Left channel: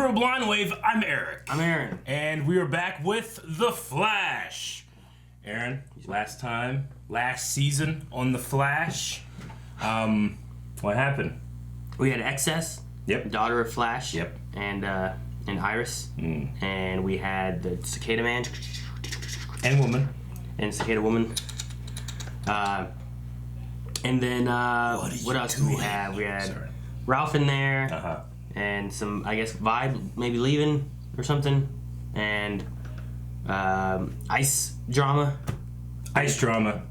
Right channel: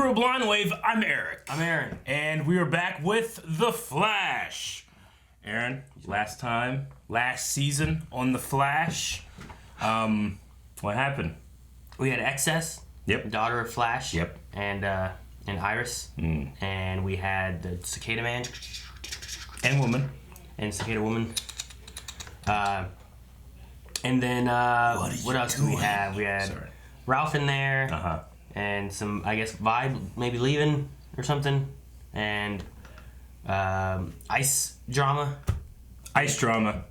Crew Blind Wave, I'm Eric. I'm Aaron. And we are back with The Flash. Aaron, last season on The Flash, what happened? We had Excess, Yep. daughter of Flash, Yep. and Iris, and we had the Cicada Man And woman. and Cicada Woman. And then what else did we have? We had Ralph in there, and some, I guess, Vibe maybe leaving or something, and Ice Drama. Yeah.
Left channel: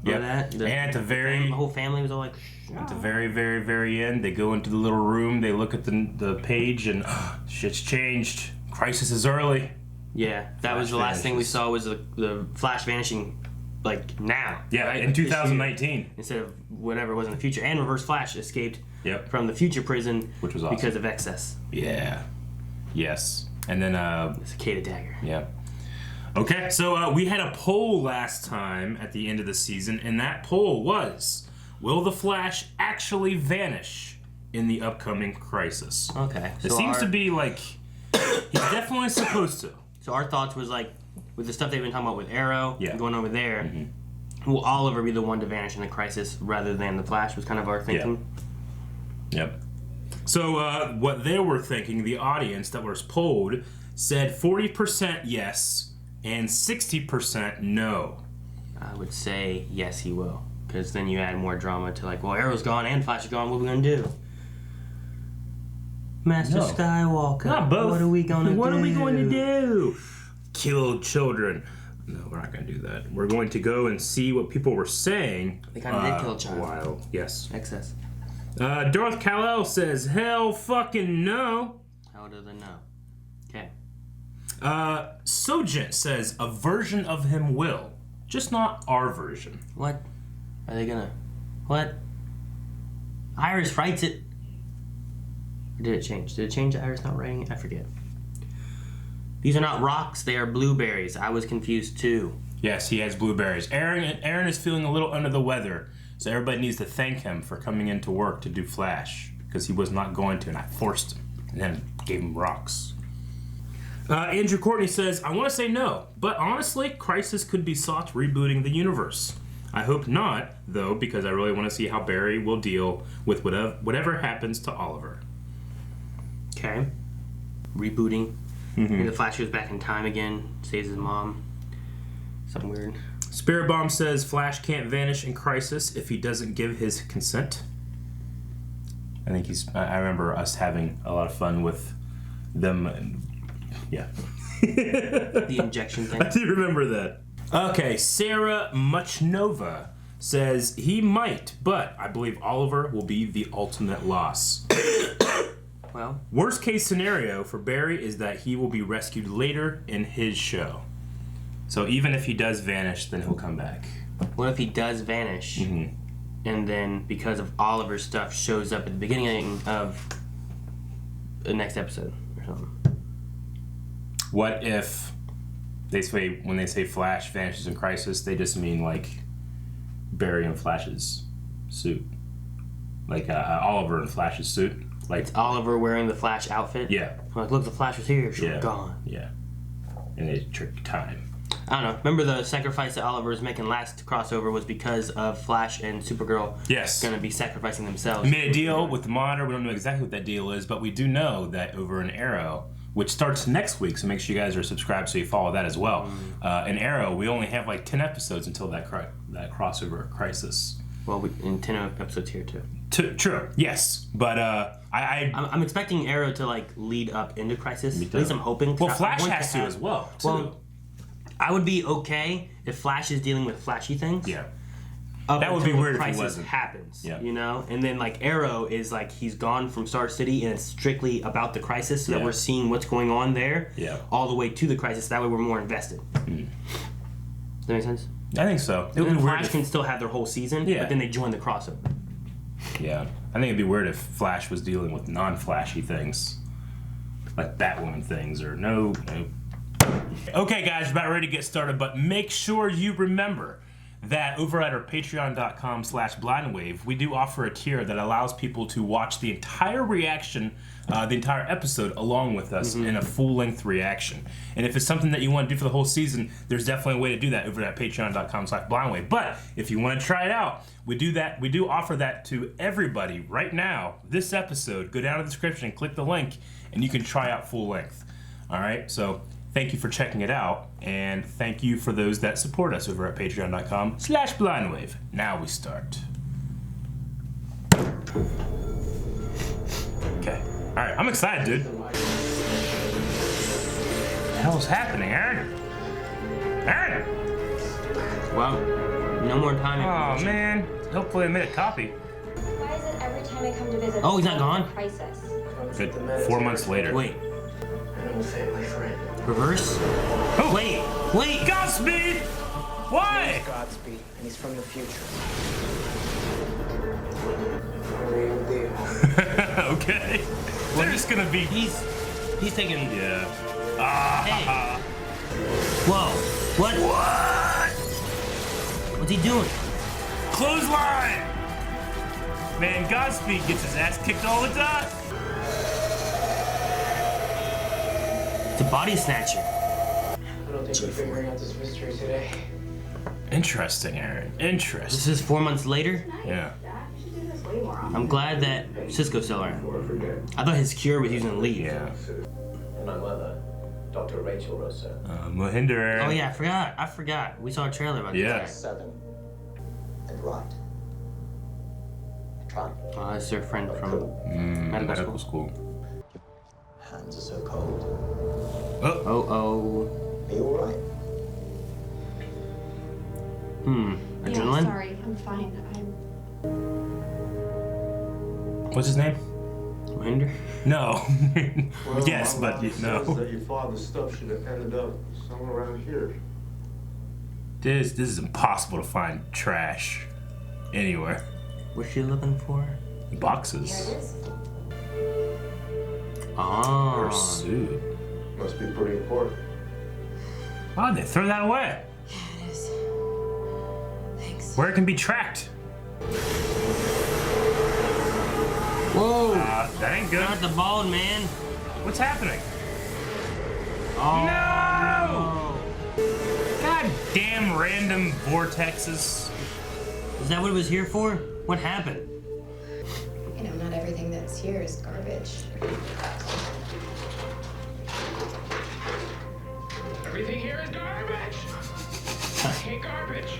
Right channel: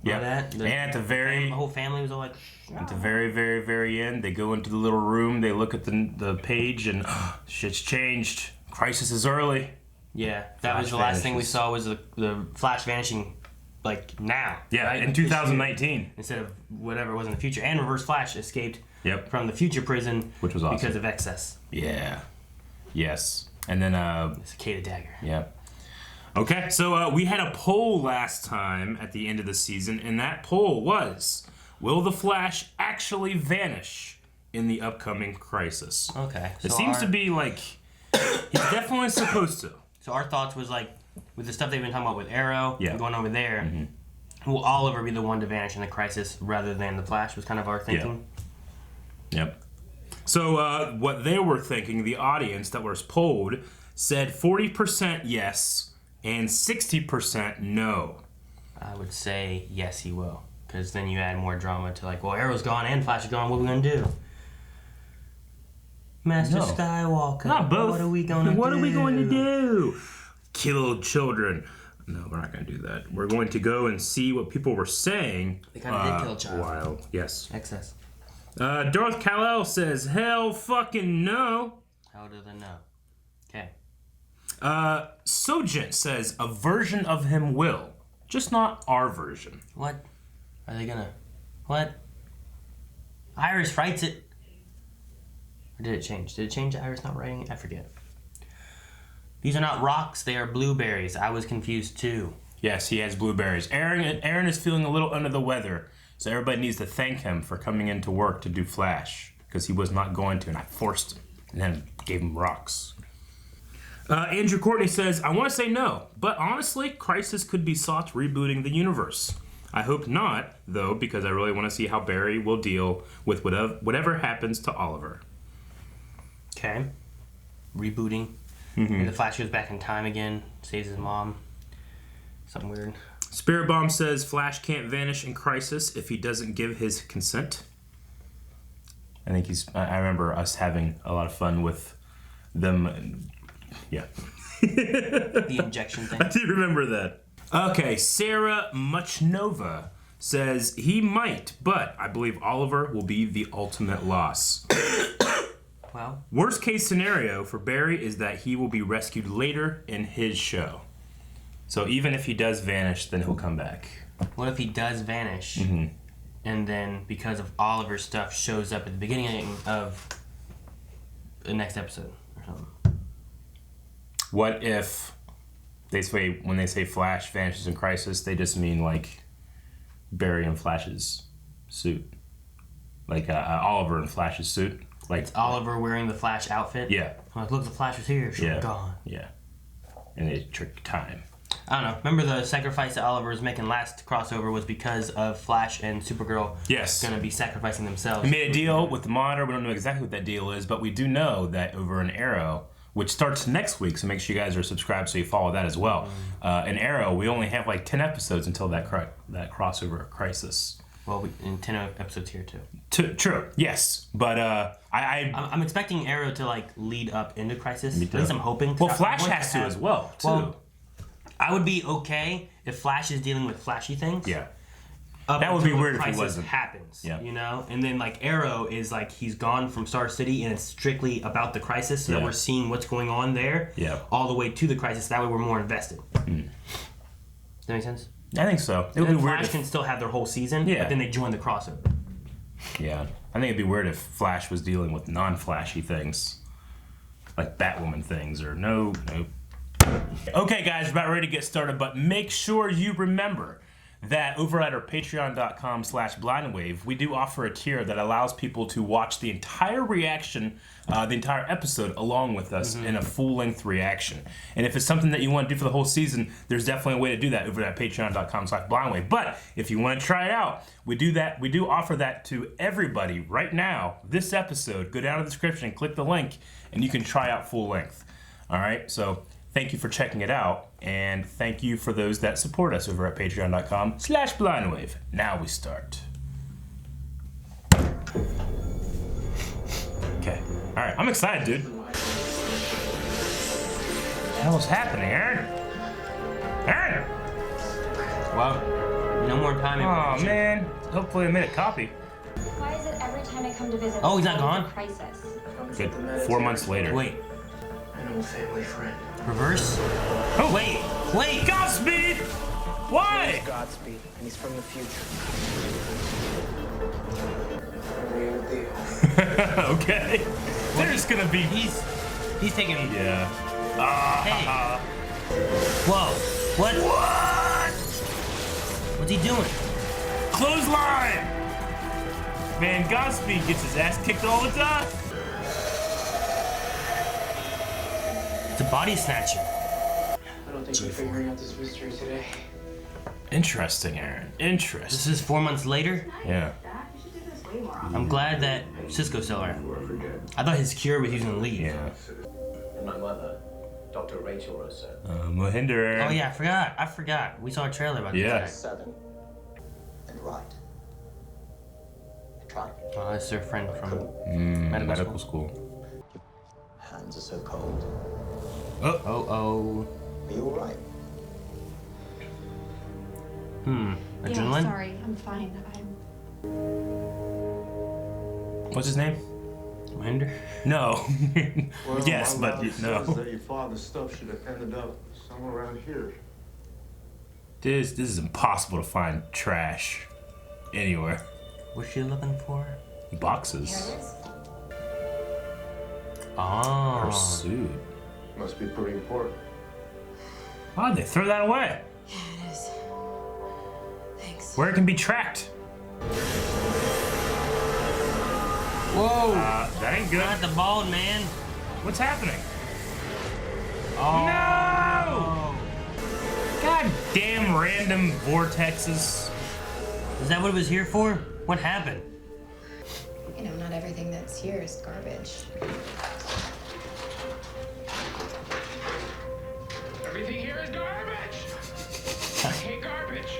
And at the whole family was all like. At the very, very, very end, they go into the little room. They look at the page, and shit's changed. Crisis is early. Yeah, that was the last thing we saw was the Flash vanishing, like now. Yeah, right? in 2019. Instead of whatever was in the future. And Reverse Flash escaped from the future prison. Which was awesome. Because of Excess. Yeah. Yes. And then, Cicada Dagger. Yeah. Okay, so we had a poll last time at the end of the season, and that poll was, will the Flash actually vanish in the upcoming Crisis? Okay. It seems to be like, he's definitely supposed to. So our thoughts was like, with the stuff they've been talking about with Arrow going over there, will Oliver be the one to vanish in the Crisis rather than the Flash was kind of our thinking? Yep. So what they were thinking, the audience that was polled, said 40% yes and 60% no. I would say yes, he will. Because then you add more drama to like, well, Arrow's gone and Flash is gone, what are we going to do? Master Skywalker. Not both. What are we going to do? What are we going to do? Kill children. No, we're not going to do that. We're going to go and see what people were saying. They kind of did kill children. A while. Yes. Excess. Darth Kal-El says, hell fucking no. How do they know? Okay. Sojent says, a version of him will. Just not our version. What? Are they gonna... What? Iris writes it. Or did it change? Did it change Iris not writing it? I forget. These are not rocks, they are blueberries. I was confused too. Yes, he has blueberries. Aaron is feeling a little under the weather, so everybody needs to thank him for coming into work to do Flash, because he was not going to, and I forced him, and then gave him rocks. Andrew Courtney says, I want to say no, but honestly, Crisis could be sought rebooting the universe. I hope not, though, because I really want to see how Barry will deal with whatever happens to Oliver. Okay. Rebooting. Maybe the Flash goes back in time again, saves his mom. Something weird. Spirit Bomb says Flash can't vanish in Crisis if he doesn't give his consent. I think I remember us having a lot of fun with them. Yeah. The injection thing. I do remember that. Okay, Sarah Muchnova says he might, but I believe Oliver will be the ultimate loss. Well, worst case scenario for Barry is that he will be rescued later in his show. So even if he does vanish, then he'll come back. What if he does vanish, and then because of Oliver's stuff shows up at the beginning of the next episode or something? What if when they say Flash vanishes in Crisis, they just mean like Barry and Flash's suit, like Oliver and Flash's suit? Like it's Oliver wearing the Flash outfit? Yeah. Like, look, the Flash was here. She's gone. Yeah. And they trick time. I don't know. Remember the sacrifice that Oliver was making last crossover was because of Flash and Supergirl going to be sacrificing themselves. He made a deal with the Monitor. We don't know exactly what that deal is, but we do know that over in Arrow, which starts next week, so make sure you guys are subscribed so you follow that as well. In Arrow, we only have like 10 episodes until that crossover Crisis. Well, in 10 episodes here too. True, yes, but I'm expecting Arrow to like lead up into Crisis. Me too. At least I'm hoping. Well, Flash has to as well too. Well, I would be okay if Flash is dealing with flashy things. Yeah. That would be weird if he wasn't. Happens, yeah. You know? And then, like, Arrow is, like, he's gone from Star City, and it's strictly about the Crisis, so we're seeing what's going on there all the way to the Crisis. That way we're more invested. Does that make sense? I think so. It would be weird Flash can still have their whole season, but then they join the crossover. Yeah. I think it'd be weird if Flash was dealing with non-flashy things, like Batwoman things, or no. Okay, guys, we're about ready to get started, but make sure you remember that over at our patreon.com/blindwave, we do offer a tier that allows people to watch the entire reaction, the entire episode along with us in a full-length reaction. And if it's something that you want to do for the whole season, there's definitely a way to do that over at patreon.com/blindwave. But if you want to try it out, we do offer that to everybody right now. This episode, go down to the description and click the link, and you can try out full length. All right, so thank you for checking it out, and thank you for those that support us over at patreon.com/blindwave. Now we start. Okay. All right, I'm excited, dude. What the hell is happening, Aaron? Aaron! Wow. No more time. Oh, man. Hopefully I made a copy. Why is it every time I come to visit? Oh, he's not it's gone? a crisis? Good. 4 months later. Wait. Animal family friend. Reverse? Oh. Wait. Godspeed! Why? He's Godspeed, and he's from the future. Real deal. Okay. They're just gonna be. He's taking. Yeah. Hey. Whoa. What? What's he doing? Clothesline! Man, Godspeed gets his ass kicked all the time. It's a body snatcher. I don't think we're figuring out this mystery today. Interesting, Aaron. Interesting. This is 4 months later. Yeah. I'm glad that Cisco's still around. I thought his cure was using the lead. Yeah. And my mother, Dr. Rachel Rosso. Mohinder, Aaron. Oh yeah, I forgot. We saw a trailer about Yeah. this. 7 and right. I tried. Oh, that's their friend from Medical school. Hands are so cold. Oh. Are you alright? Yeah, Adrenaline? sorry, I'm fine. What's his name? Winder? No. Well, Yes, my but lab no. says that your father's stuff should have ended up somewhere around here. This is impossible to find trash anywhere. What's she looking for? Boxes. Oh. Her suit. Must be pretty important. Why'd they throw that away? Yeah, it is. Thanks. Where it can be tracked. Whoa. That ain't good. Not the bald man. What's happening? Oh. No! God damn random vortexes. Is that what it was here for? What happened? You know, not everything that's here is garbage. Everything here is garbage! I hate garbage!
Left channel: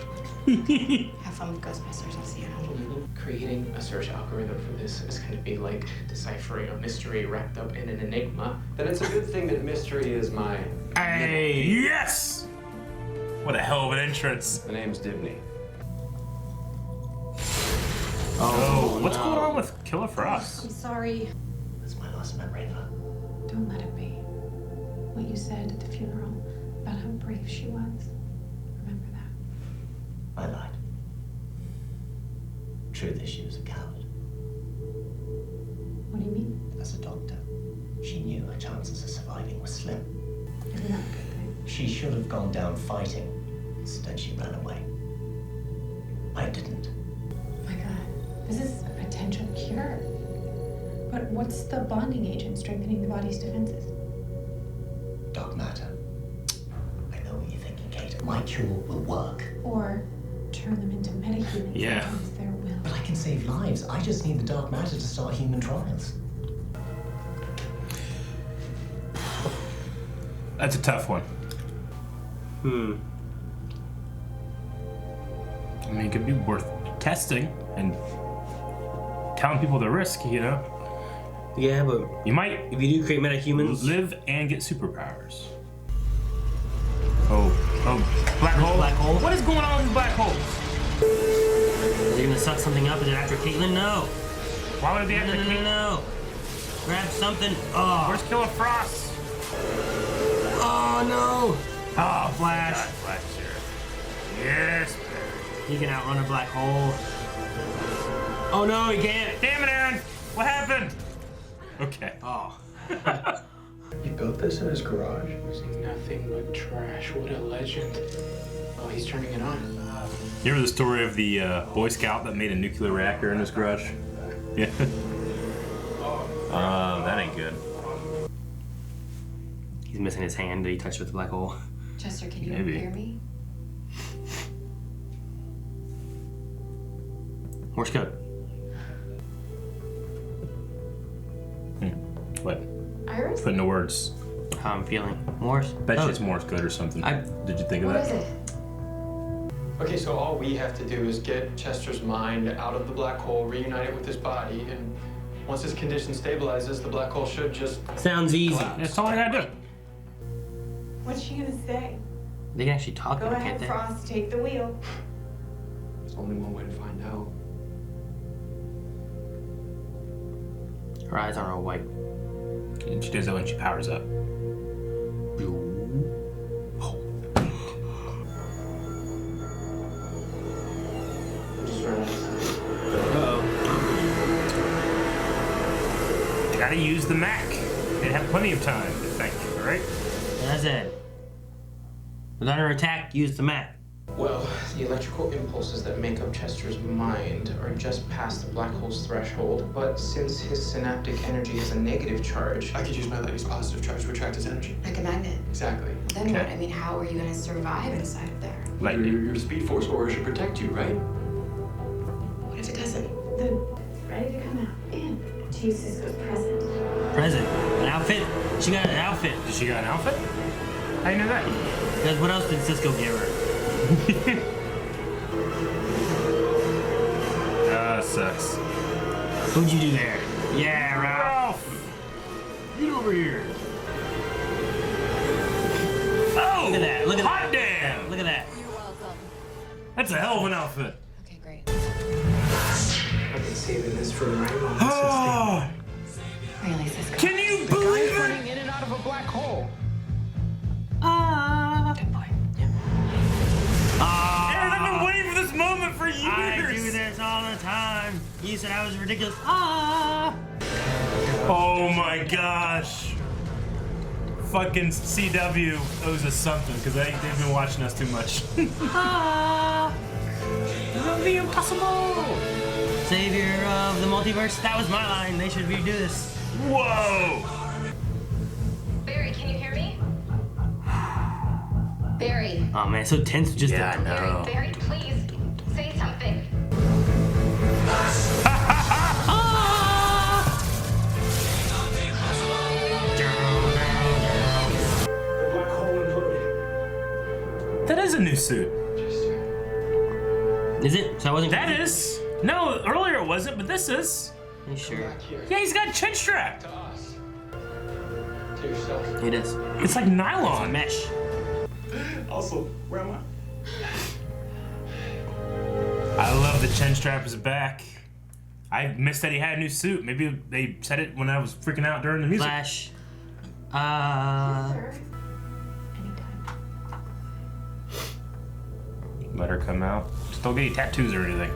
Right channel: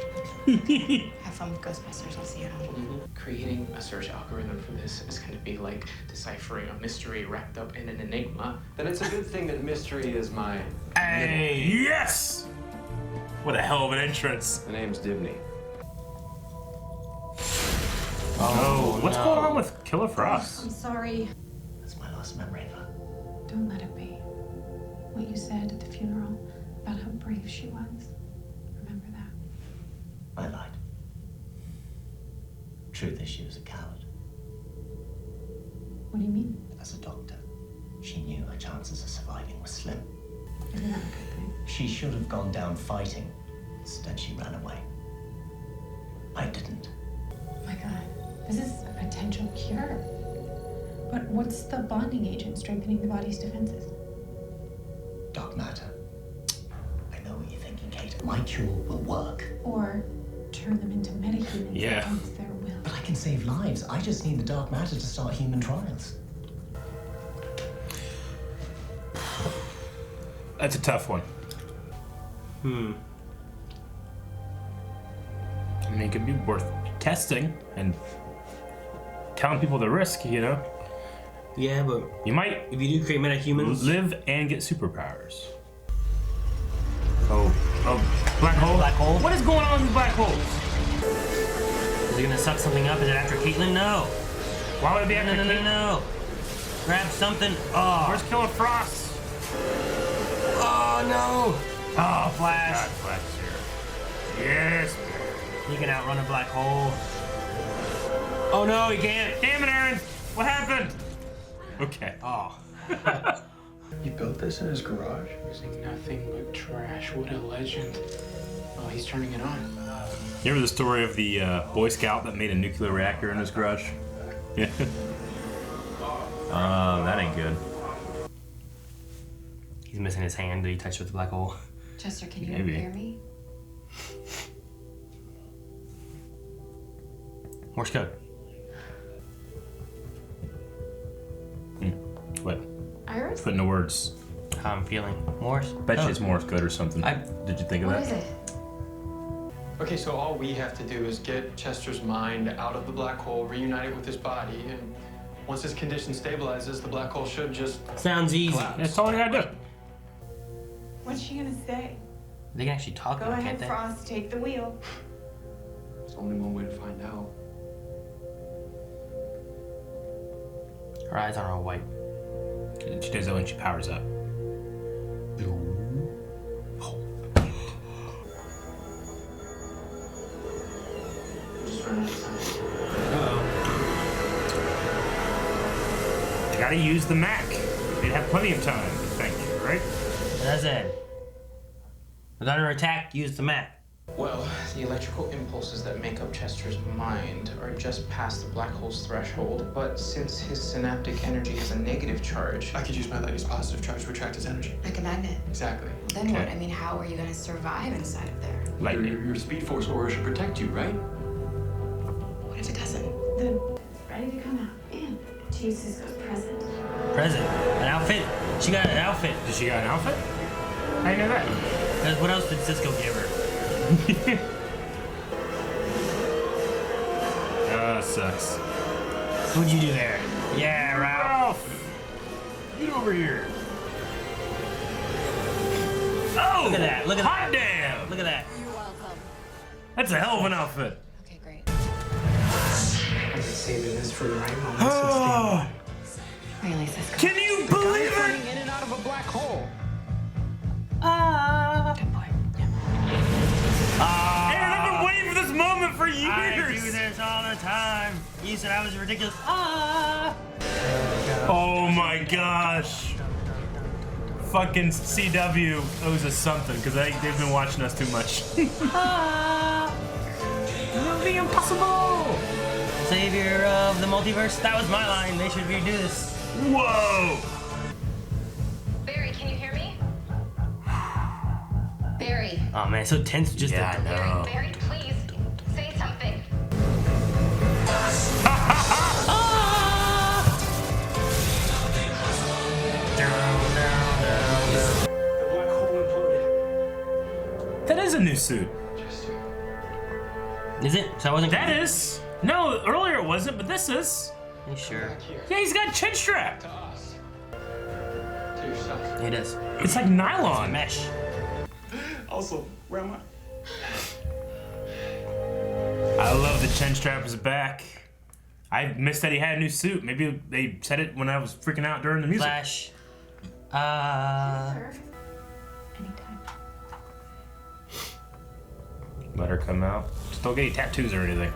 Have fun with Ghostbusters. I'll see you at home. Creating a search algorithm for this is going to be like deciphering a mystery wrapped up in an enigma. Then it's a good thing that mystery is my... Hey. Yes! What a hell of an entrance. The name's Dibney. Oh, what's going on with Killer Frost? I'm sorry. That's my last memory of her. Don't let it be. What you said at the funeral about how brave she was. Remember that. I lied. Truth is, she was a coward. What do you mean? As a doctor, she knew her chances of surviving were slim. Isn't that a good thing? She should have gone down fighting. Instead, she ran away. I didn't. Oh my God, this is a potential cure. But what's the bonding agent strengthening the body's defenses? Dark matter. I know what you're thinking, Kate. My cure will work. Or turn them into metahumans Yeah. against their will. But I can save lives. I just need the dark matter to start human trials. That's a tough one. I mean, it could be worth testing and telling people the risk, you know? Yeah, but You might if you do create metahumans, live and get superpowers. Oh, black hole. Black hole? What is going on with black holes? is it gonna suck something up? Is it after Caitlyn? No. Why would it be No, after no, no, Kate? no. Grab something. Oh. Where's Killer Frost? Oh no. Oh, Flash. God, Flash here. Yes, man. He can outrun a black hole. Oh no, he can't. Damn it, Aaron. What happened? Okay. Oh. You built this in his garage? Using nothing but trash. What a legend. Oh, he's turning it on. You remember the story of the Boy Scout that made a nuclear reactor in his garage? Yeah. That ain't good. He's missing his hand that he touched with the black hole. Chester, can you Maybe. hear me? Morse code. What? Iris? Put into words. How I'm feeling. Morse? Bet you it's Morse code or something. Did you think of What that? is it? Okay, so all we have to do is get Chester's mind out of the black hole, reunite it with his body, and once his condition stabilizes, the black hole should just Sounds easy. collapse. That's all I gotta do. What's she gonna say? They can actually talk. Go can't ahead, they? Frost, take the wheel. There's only one way to find out. Her eyes aren't all white. She does that when she powers up. Just run out of time. Uh-oh. I gotta use the Mac. They have plenty of time to think, right? That's it. When under attack, use the map. Well, the electrical impulses that make up Chester's mind are just past the black hole's threshold, but since his synaptic energy has a negative charge, I could use my lady's positive charge to attract his energy. Like a magnet. Exactly. Then what? Okay. I mean, how are you gonna survive inside of there? Your Speed Force aura should protect you, right? What if it doesn't? Ready to come out. Man, Jesus was present. Present. An outfit. She got an outfit. Did she got an outfit? How you know that? Because what else did Cisco give her? Sucks. What'd you do there? Yeah, Ralph. Ralph! Get over here. Oh! Look at that. Look at Hot that. damn! Look at that. You're welcome. That's a hell of an outfit. Okay, great. I've been saving this for the right moment since day Oh! one. Really, Cisco? Can you The guy's believe it? running in and out of a black hole. Good boy. Aaron, I've been waiting for this moment for I do years. this all the time. You said I was ridiculous. Oh my gosh. Fucking CW owes us something because they've been watching us too much. The impossible. Savior of the multiverse. That was my line. They should redo this. Whoa. Barry, can you hear me? Barry. Oh man, so tense. Just Yeah, I know. Barry, please say something. The black hole imploded. That is a new suit. Is it? So I wasn't. That is. No, earlier it wasn't, but this is. You sure? Back here. Yeah, he's got a chin strap. To us. To yourself. It is. It's like nylon. Mesh. Also, where am I? I love the chin strap is back. I missed that he had a new suit. Maybe they said it when I was freaking out during the music. Flash. Sir. Anytime. Let her come out. Just don't get any tattoos or anything.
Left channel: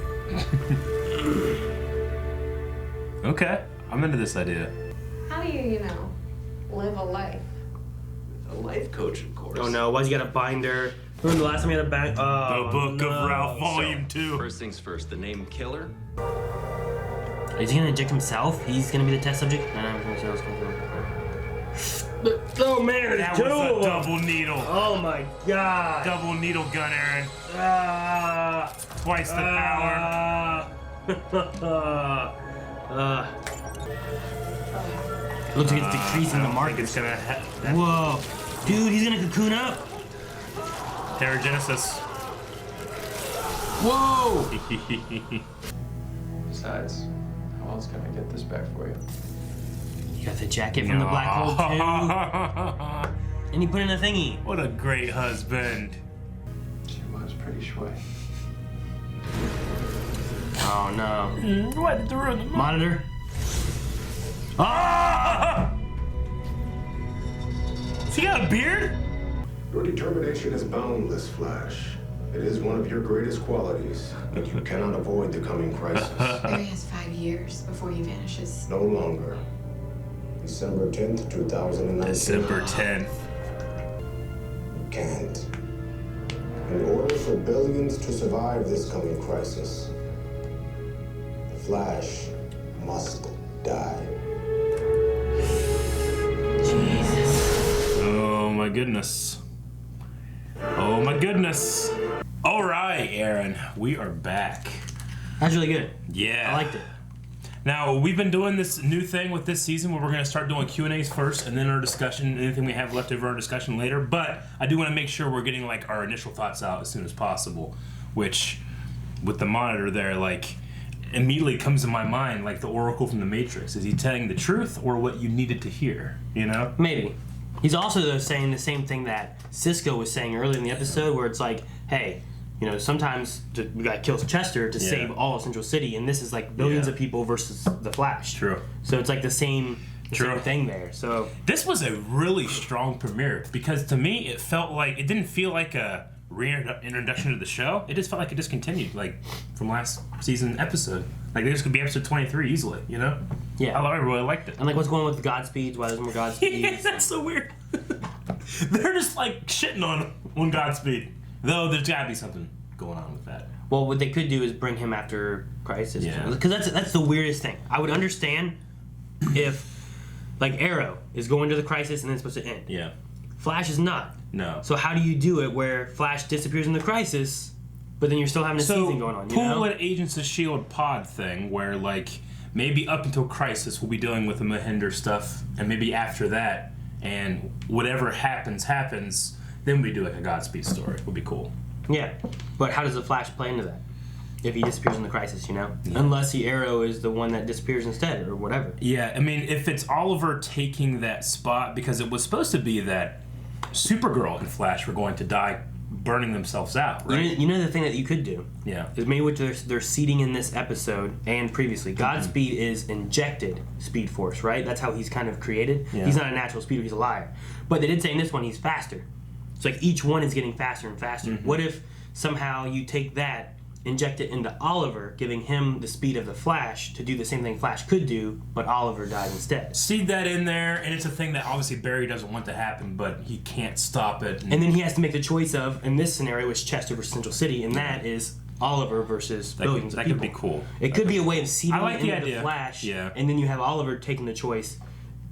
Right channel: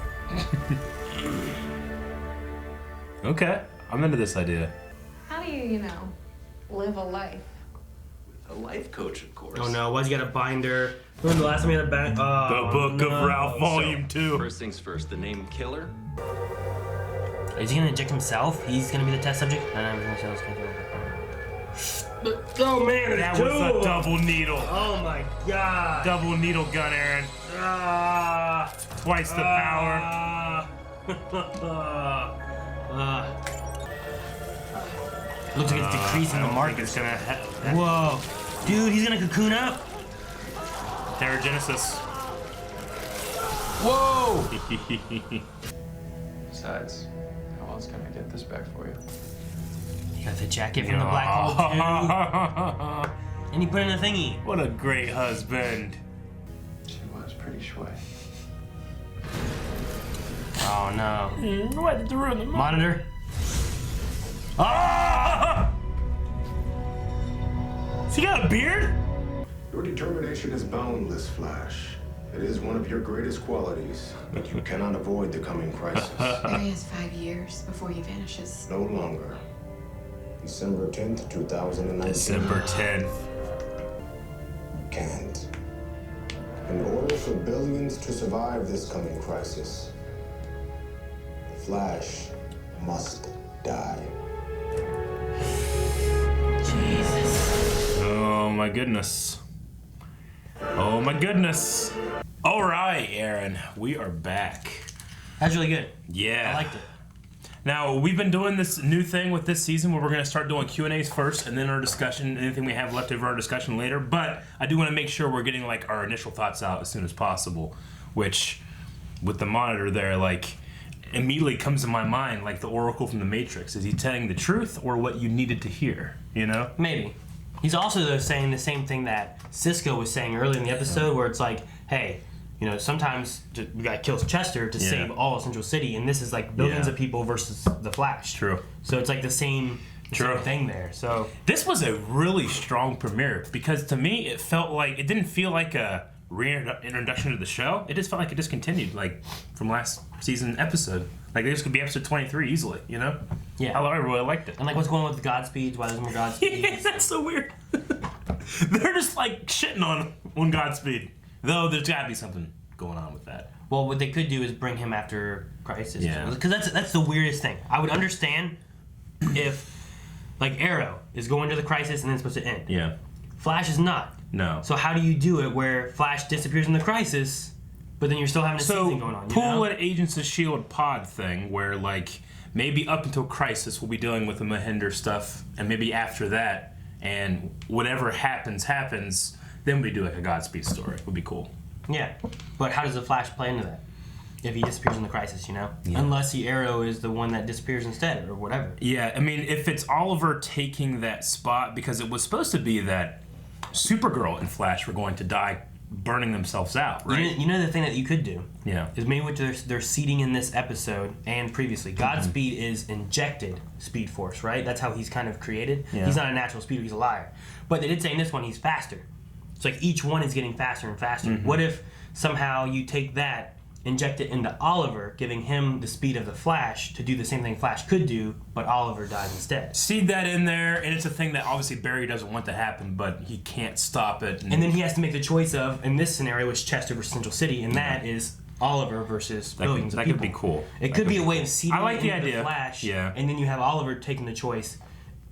Okay, I'm into this idea. How do you live a life? A life coach, of course. Oh no, why's he got a binder? Remember the last time he had a binder? Oh, The Book no. of Ralph, Volume 2. First things first, the name Killer. Is he gonna inject himself? He's gonna be the test subject? No, everything else can do it. Oh man, That there's was two a of them. double needle. Oh my god. Double needle gun, Aaron. Twice the power. Looks like it's decreasing the market. It's gonna Whoa. Dude, he's gonna cocoon up. Terragenesis. Whoa. Besides, how else can I get this back for you? You got the jacket from the black hole too. And you put in a thingy. What a great husband. She was pretty shui. Oh no. Why did you ruin the Monitor. Ah! She got a beard? Your determination is boundless, Flash. It is one of your greatest qualities, but you cannot avoid the coming crisis. Barry has 5 years before he vanishes. No longer. December 10th, 2019. December 10th. You can't. In order for billions to survive this coming crisis, the Flash must die. Jesus. Oh my goodness. Oh my goodness. All right, Aaron, we are back. That's really good. Yeah. I liked it. Now, we've been doing this new thing with this season where we're going to start doing Q&As first and then our discussion, anything we have left over our discussion later. But I do want to make sure we're getting like our initial thoughts out as soon as possible, which with the monitor there, like immediately comes to my mind like the Oracle from the Matrix. Is he telling the truth or what you needed to hear, you know? Maybe. He's also though saying the same thing that Cisco was saying earlier in the episode where it's like, hey, you know, sometimes we gotta kill Chester to save all of Central City, and this is like billions of people versus the Flash. True. So it's like the same thing there. So this was a really strong premiere because to me it felt like it didn't feel like a reintroduction to the show. It just felt like it just continued like from last season episode. Like this could be episode 23 easily, you know? Yeah. I really liked it. And like what's going on with Godspeeds? Why there's more Godspeeds? Yeah, that's so weird. They're just like shitting on Godspeed. Though there's gotta be something going on with that. Well, what they could do is bring him after Crisis. Yeah. Because that's the weirdest thing. I would understand if, like, Arrow is going to the Crisis and then it's supposed to end. Yeah. Flash is not. No. So how do you do it where Flash disappears in the Crisis, but then you're still having a season going on? You know? Pull an Agents of S.H.I.E.L.D. pod thing where, like, maybe up until Crisis we'll be dealing with the Mahinder stuff, and maybe after that, and whatever happens, then we do like a Godspeed story. Would be cool. Yeah, but how does the Flash play into that? If he disappears in the Crisis, you know? Yeah. Unless the Arrow is the one that disappears instead, or whatever. Yeah, I mean, if it's Oliver taking that spot, because it was supposed to be that Supergirl and Flash were going to die burning themselves out, right? You know the thing that you could do? Yeah. Is maybe what they're seeding in this episode and previously. Godspeed is injected Speed Force, right? That's how he's kind of created. Yeah. He's not a natural speeder, he's a liar. But they did say in this one he's faster. It's like each one is getting faster and faster. What if somehow you take that, inject it into Oliver, giving him the speed of the Flash to do the same thing Flash could do, but Oliver dies instead? Seed that in there, and it's a thing that obviously Barry doesn't want to happen, but he can't stop it. And then he has to make the choice of, in this scenario, it's Chester versus Central City, and that is Oliver versus billions of people. That could be cool. It could be a way of seeding I like the into idea. the Flash, Yeah. and then you have Oliver taking the choice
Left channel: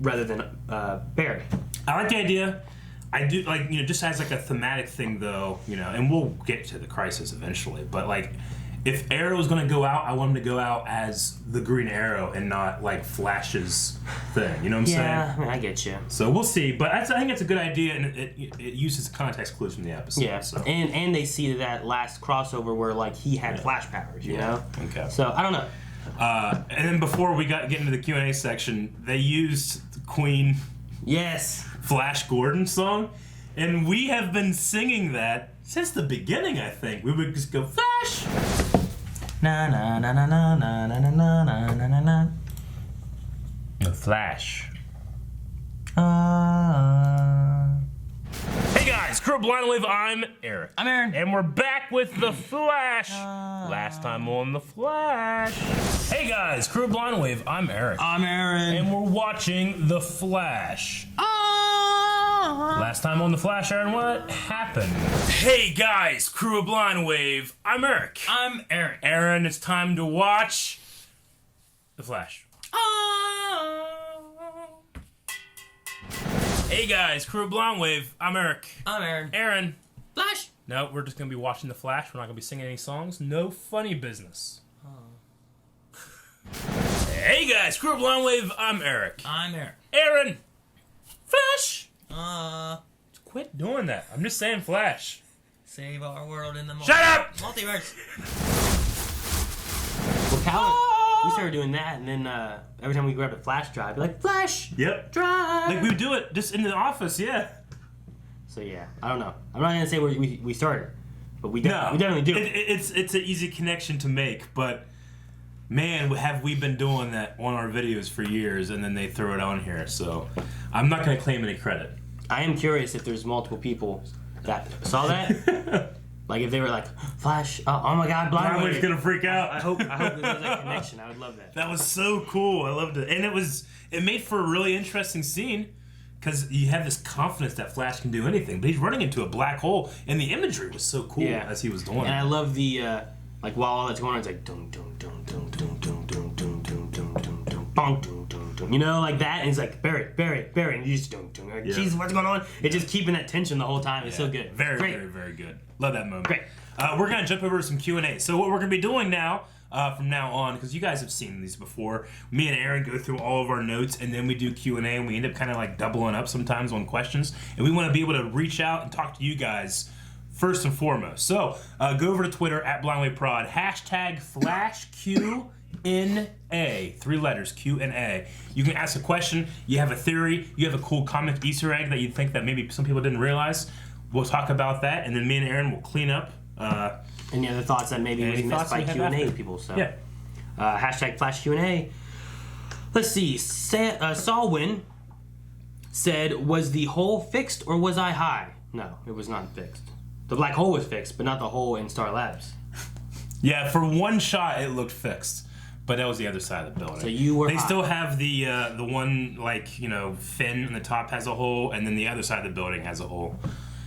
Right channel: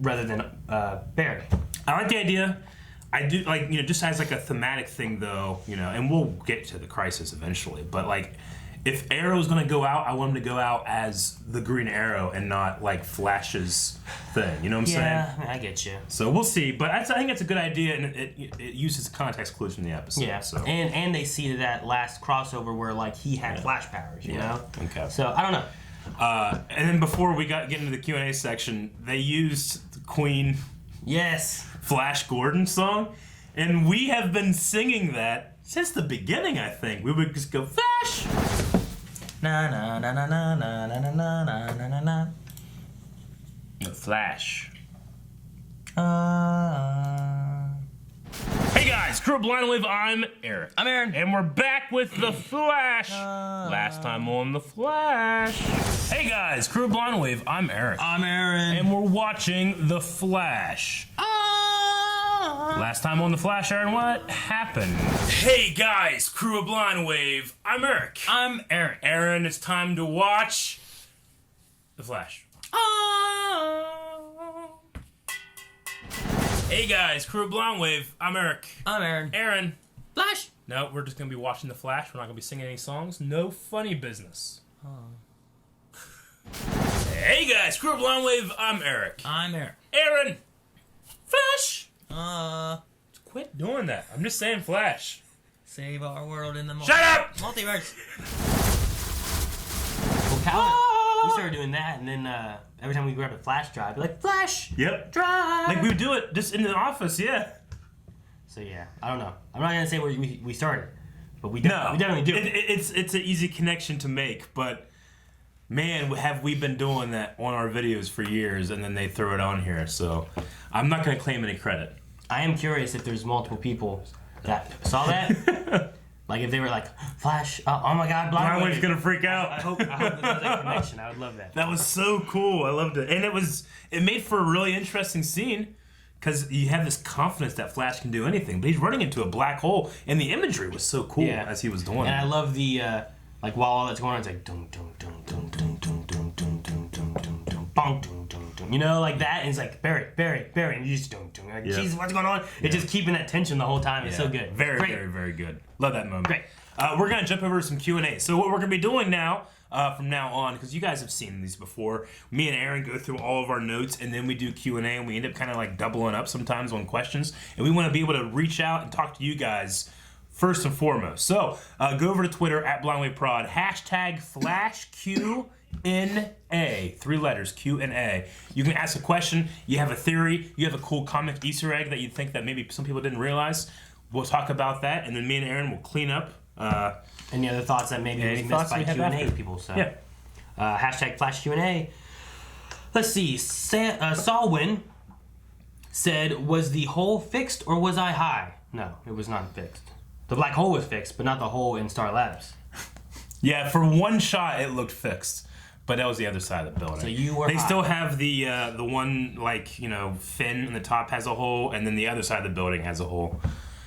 rather than Barry. I like the idea. I do, like, you know, just as like a thematic thing though, you know, and we'll get to the Crisis eventually, but like if Arrow's gonna go out, I want him to go out as the Green Arrow and not like Flash's thing. You know what I'm saying? Yeah, I get you. So we'll see, but I think it's a good idea, and it uses context clues from the episode. Yeah, So. and they see that last crossover where like he had Flash powers, you know? Okay. So I don't know. And then before we get into the Q&A section, they used the Queen Flash Gordon song, and we have been singing that since the beginning. I think we would just go Flash. Na na na na na na na na na na na. The Flash. Hey guys, Crew Blind Wave, I'm Eric. I'm Aaron. And we're back with The Flash. Last time on The Flash. Hey guys, Crew Blind Wave, I'm Eric. I'm Aaron. And we're watching The Flash. Last time on The Flash, Aaron, what happened? Hey guys, Crew of Blind Wave, I'm Eric. I'm Aaron. Aaron, it's time to watch The Flash. Hey guys, Crew of Blind Wave, I'm Eric. I'm Aaron. Aaron. Flash. No, we're just gonna be watching The Flash. We're not gonna be singing any songs. No funny business. Hey guys, Crew of Blind Wave, I'm Eric. I'm Aaron. Aaron. Flash. Quit doing that. I'm just saying Flash. Save our world in the Shut up! Multiverse. Well, Calvin, you started doing that, and then every time we grab a Flash drive, you're like, Flash! Yep. Drive! Like we would do it just in the office, yeah. So yeah, I don't know. I'm not gonna say where we started, but we definitely do it. It's an easy connection to make, but man, have we been doing that on our videos for years, and then they throw it on here, so I'm not gonna claim any credit. I am curious if there's multiple people that saw that. Like if they were like, Flash, oh my God, Blind Wave's Wave. gonna freak out. I hope there's that connection. I would love that. That was so cool. I loved it, and it made for a really interesting scene, because you have this confidence that Flash can do anything, but he's running into a black hole, and the imagery was so cool as he was doing it. And I love the like while all that's going on, it's like dum dum dum dum dum dum dum dum dum dum dum dum bong dum dum dum, you know, like that, and he's like Barry, and you just dum dum, like Jesus, what's going on? It's just keeping that tension the whole time. It's so good. Very, very, very good. Love that moment. Great. We're gonna jump over to some Q&A. So what we're gonna be doing now. From now on, because you guys have seen these before, me and Aaron go through all of our notes, and then we do Q&A, and we end up kind of like doubling up sometimes on questions, and we want to be able to reach out and talk to you guys first and foremost. So go over to Twitter at BlindlyProd, hashtag FlashQNA, 3 letters, Q&A. You can ask a question, you have a theory, you have a cool comic Easter egg that you think that maybe some people didn't realize. We'll talk about that, and then me and Aaron will clean up. Any other thoughts that maybe was missed by Q&A people? So, hashtag Flash Q&A. Let's see. Salwin said, was the hole fixed or was I high? No, it was not fixed. The black hole was fixed, but not the hole in Star Labs. Yeah, for one shot it looked fixed, but that was the other side of the building. So you were They high. still have the one, like, you know, fin in the top has a hole, and then the other side of the building has a hole.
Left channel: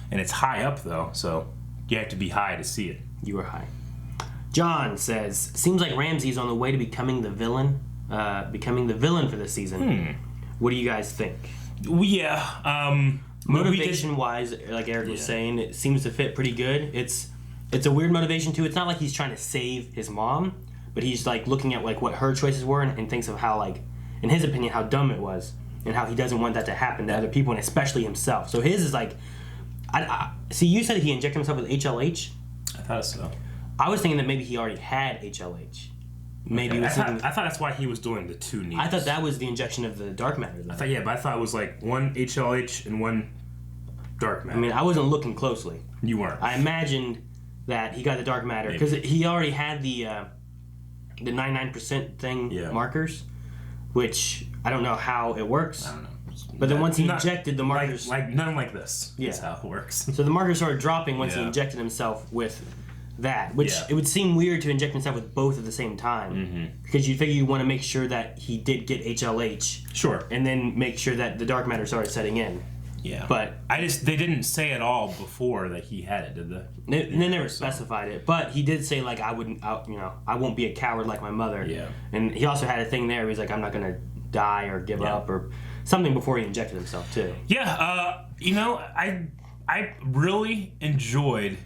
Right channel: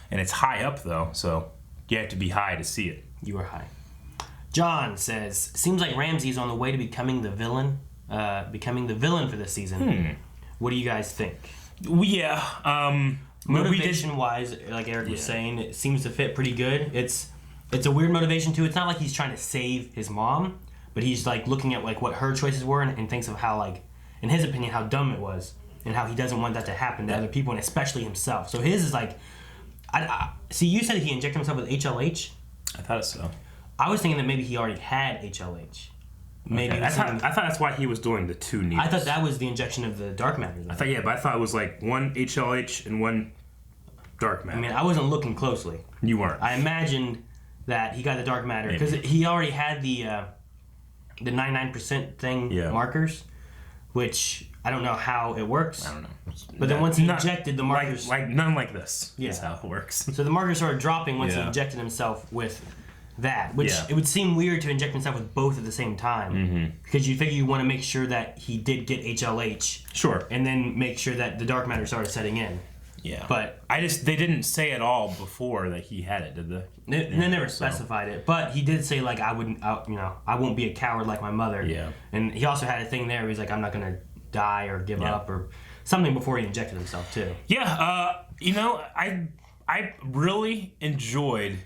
And it's high up, though, so you have to be high to see it. You were high. John says, seems like Ramsey's on the way to becoming the villain for this season. What do you guys think? Motivation-wise, like Eric was saying, it seems to fit pretty good. It's a weird motivation, too. It's not like he's trying to save his mom, but he's, like, looking at, like, what her choices were and thinks of how, like, in his opinion, how dumb it was and how he doesn't want that to happen to other people and especially himself. So his is, like... see, you said he injected himself with HLH? I thought so. I was thinking that maybe he already had HLH. Maybe I thought that's why he was doing the 2 needles. I thought that was the injection of the dark matter. But I thought it was like 1 HLH and 1 dark matter. I mean, I wasn't looking closely. You weren't. I imagined that he got the dark matter because he already had the 99% thing markers, which I don't know how it works. I don't know. But then once he injected the markers... Like none like this is how it works. So the markers started dropping once he injected himself with that, which it would seem weird to inject himself with both at the same time. Because you figure you want to make sure that he did get HLH. Sure. And then make sure that the dark matter started setting in. Yeah. But they didn't say at all before that he had it, did they? They never specified it. But he did say, like, I won't be a coward like my mother. Yeah. And he also had a thing there where he's like, I'm not going to die or give up or something before he injected himself too. Yeah, I really enjoyed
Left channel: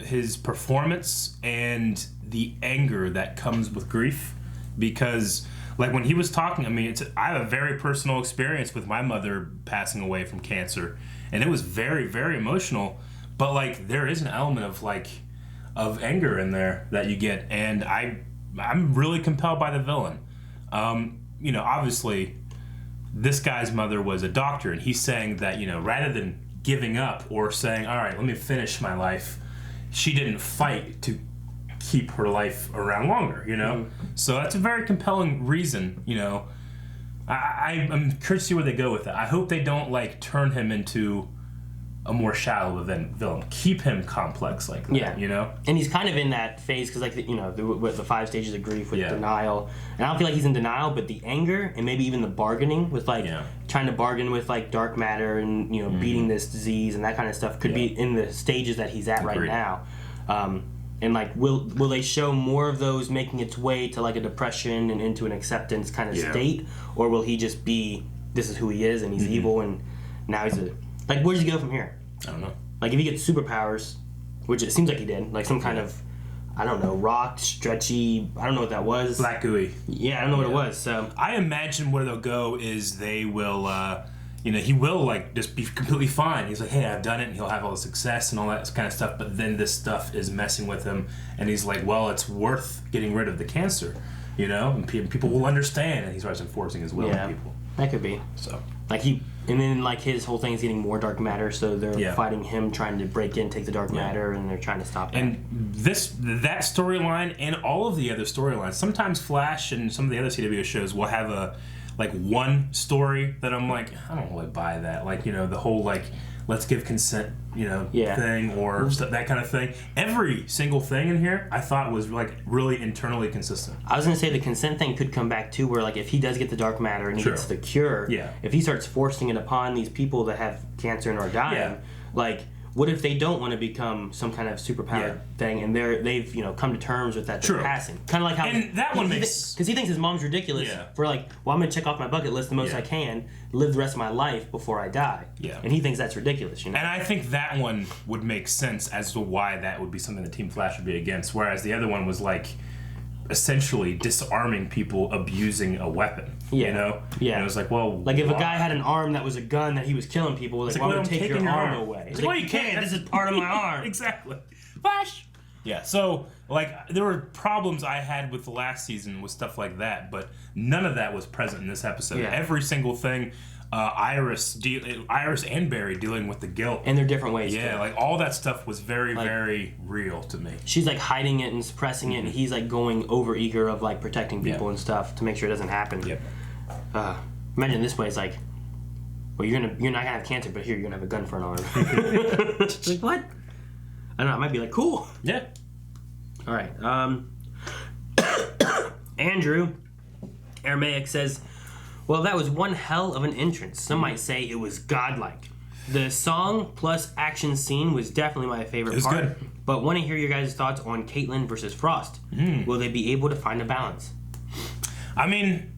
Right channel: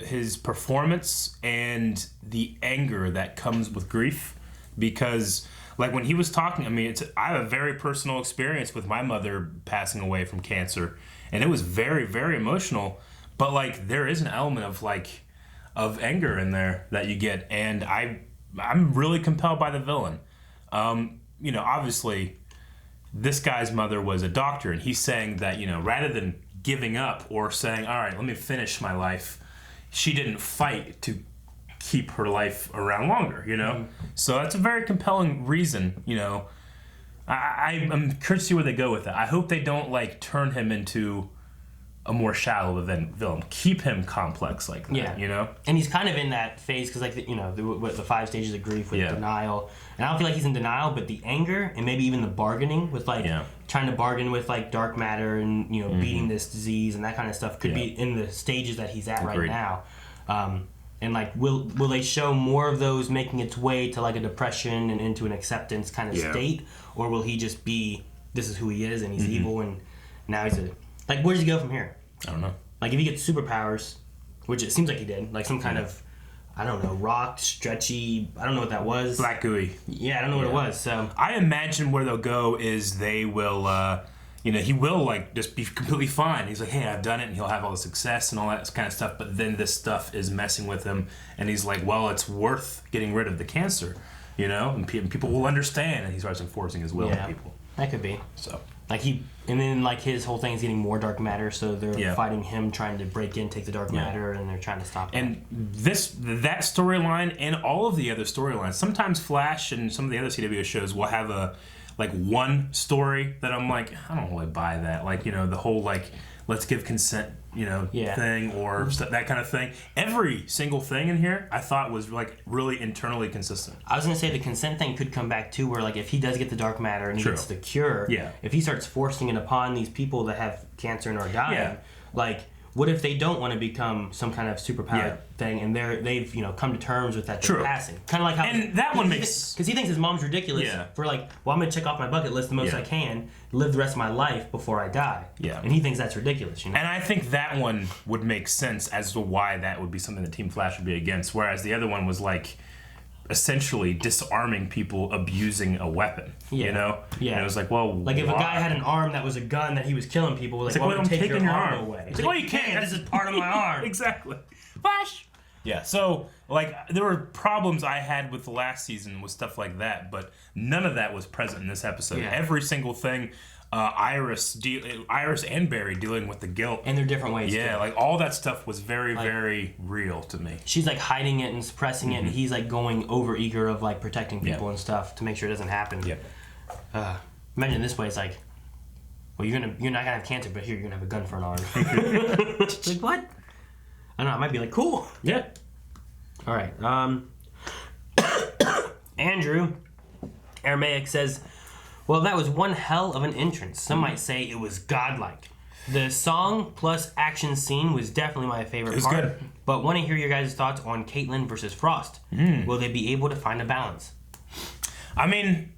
his performance and the anger that comes with grief, because like when he was talking, I mean, I have a very personal experience with my mother passing away from cancer, and it was very, very emotional. But like there is an element of anger in there that you get, and I'm really compelled by the villain. Obviously, this guy's mother was a doctor, and he's saying that, rather than giving up or saying, all right, let me finish my life, she didn't fight to keep her life around longer, So that's a very compelling reason, I'm curious to see where they go with it. I hope they don't, turn him into a more shallow villain. Keep him complex like that, And he's kind of in that phase because, the 5 stages of grief with denial. And I don't feel like he's in denial, but the anger and maybe even the bargaining with, trying to bargain with, dark matter and, beating this disease and that kind of stuff could be in the stages that he's at right now. And, will they show more of those making its way to, a depression and into an acceptance kind of state? Or will he just be, this is who he is and he's evil and now he's where does he go from here? I don't know. If he gets superpowers, which it seems like he did, some kind of, I don't know, rock, stretchy, I don't know what that was. Black gooey. Yeah, I don't know what it was, so. I imagine where they'll go is they will, he will, just be completely fine. He's like, hey, I've done it, and he'll have all the success and all that kind of stuff, but then this stuff is messing with him, and he's like, well, it's worth getting rid of the cancer, and people will understand, and he starts enforcing his will on people. That could be. So. And then his whole thing is getting more dark matter, so they're fighting him, trying to break in, take the dark matter, and they're trying to stop him. And that storyline and all of the other storylines. Sometimes Flash and some of the other CW shows will have like one story that I'm like, I don't really buy that. Like, you know, the whole like, let's give consent, you know, thing or that kind of thing. Every single thing in here I thought was like really internally consistent. I was gonna say the consent thing could come back too, where like if he does get the dark matter and he gets the cure, if he starts forcing it upon these people that have cancer and are dying, like what if they don't want to become some kind of superpowered thing and they've you know come to terms with that they're passing, kind of like how and that one makes because he thinks his mom's ridiculous for like, well, I'm gonna check off my bucket list the most I can, live the rest of my life before I die, and he thinks that's ridiculous, you know. And I think that one would make sense as to why that would be something that Team Flash would be against, whereas the other one was like essentially disarming people abusing a weapon, you know? And it was like, well, like if a guy had an arm that was a gun that he was killing people, like, well, I'm taking your arm away. It's like, well, you can't. This is part of my arm. Exactly. Flash. Yeah, so like there were problems I had with the last season with stuff like that, but none of that was present in this episode. Every single thing, Iris and Barry dealing with the guilt in their different ways. Like all that stuff was very, very real to me. She's like hiding it and suppressing it, and he's like going over eager of like protecting people and stuff to make sure it doesn't happen. Imagine this way, it's like, well, you're not gonna have cancer, but here you're gonna have a gun for an arm. Like what? I don't know. It might be like cool. Yeah. All right. Andrew Aramaic says, well, that was one hell of an entrance. Some might say it was godlike. The song plus action scene was definitely my favorite part. Good. But want to hear your guys' thoughts on Caitlin versus Frost. Will they be able to find a balance? I mean,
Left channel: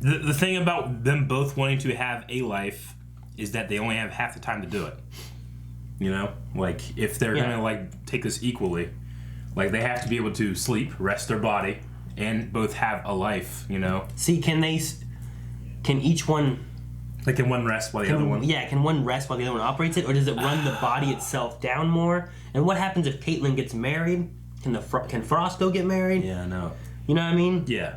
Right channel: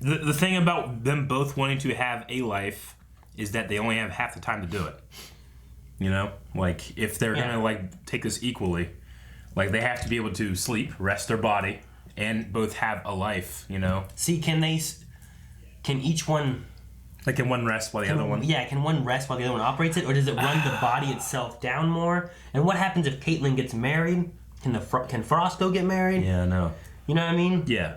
the thing about them both wanting to have a life is that they only have half the time to do it. You know? Like, if they're going to, like, take this equally, like, they have to be able to sleep, rest their body, and both have a life, you know? See, can each one... Like, can one rest while the other one... Yeah, can one rest while the other one operates it, or does it run the body itself down more? And what happens if Caitlin gets married? Can Frost go get married? Yeah, no. You know what I mean? Yeah.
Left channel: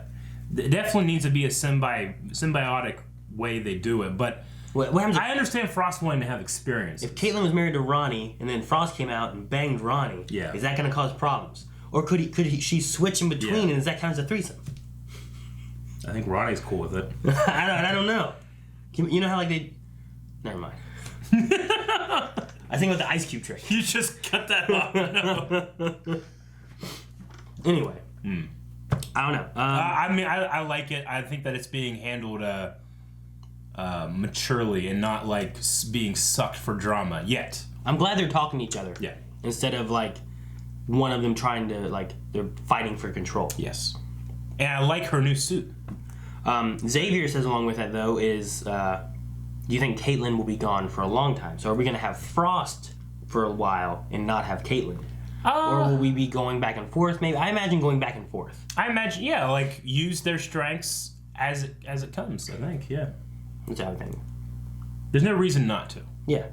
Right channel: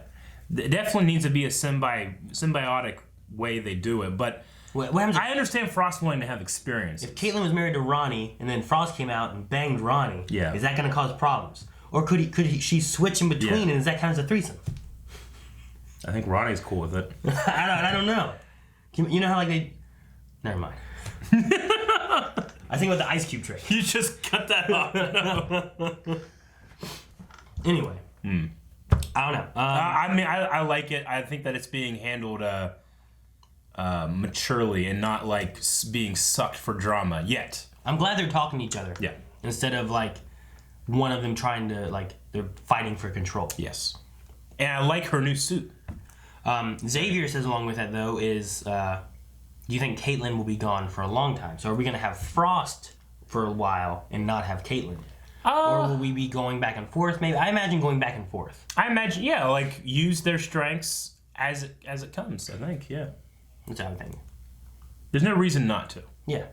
It definitely needs to be a symbiotic way they do it, but... What happens I understand Frost wanting to have experience. If Caitlin was married to Ronnie, and then Frost came out and banged Ronnie, is that going to cause problems? Or could she switch in between, and does that count as a threesome? I think Ronnie's cool with it. I don't know. You know how like they... Never mind. I think about the ice cube trick. You just cut that off. No. Anyway. I don't know. I mean, I like it. I think that it's being handled maturely and not like being sucked for drama yet. I'm glad they're talking to each other. Yeah. Instead of like one of them trying to like they're fighting for control. Yes. And I like her new suit. Xavier says along with that though is do you think Caitlin will be gone for a long time? So are we going to have Frost for a while and not have Caitlin? Or will we be going back and forth? Maybe I imagine going back and forth. I imagine, yeah, like use their strengths as it comes. I think, yeah. That's how I think. There's no reason not to. Yeah.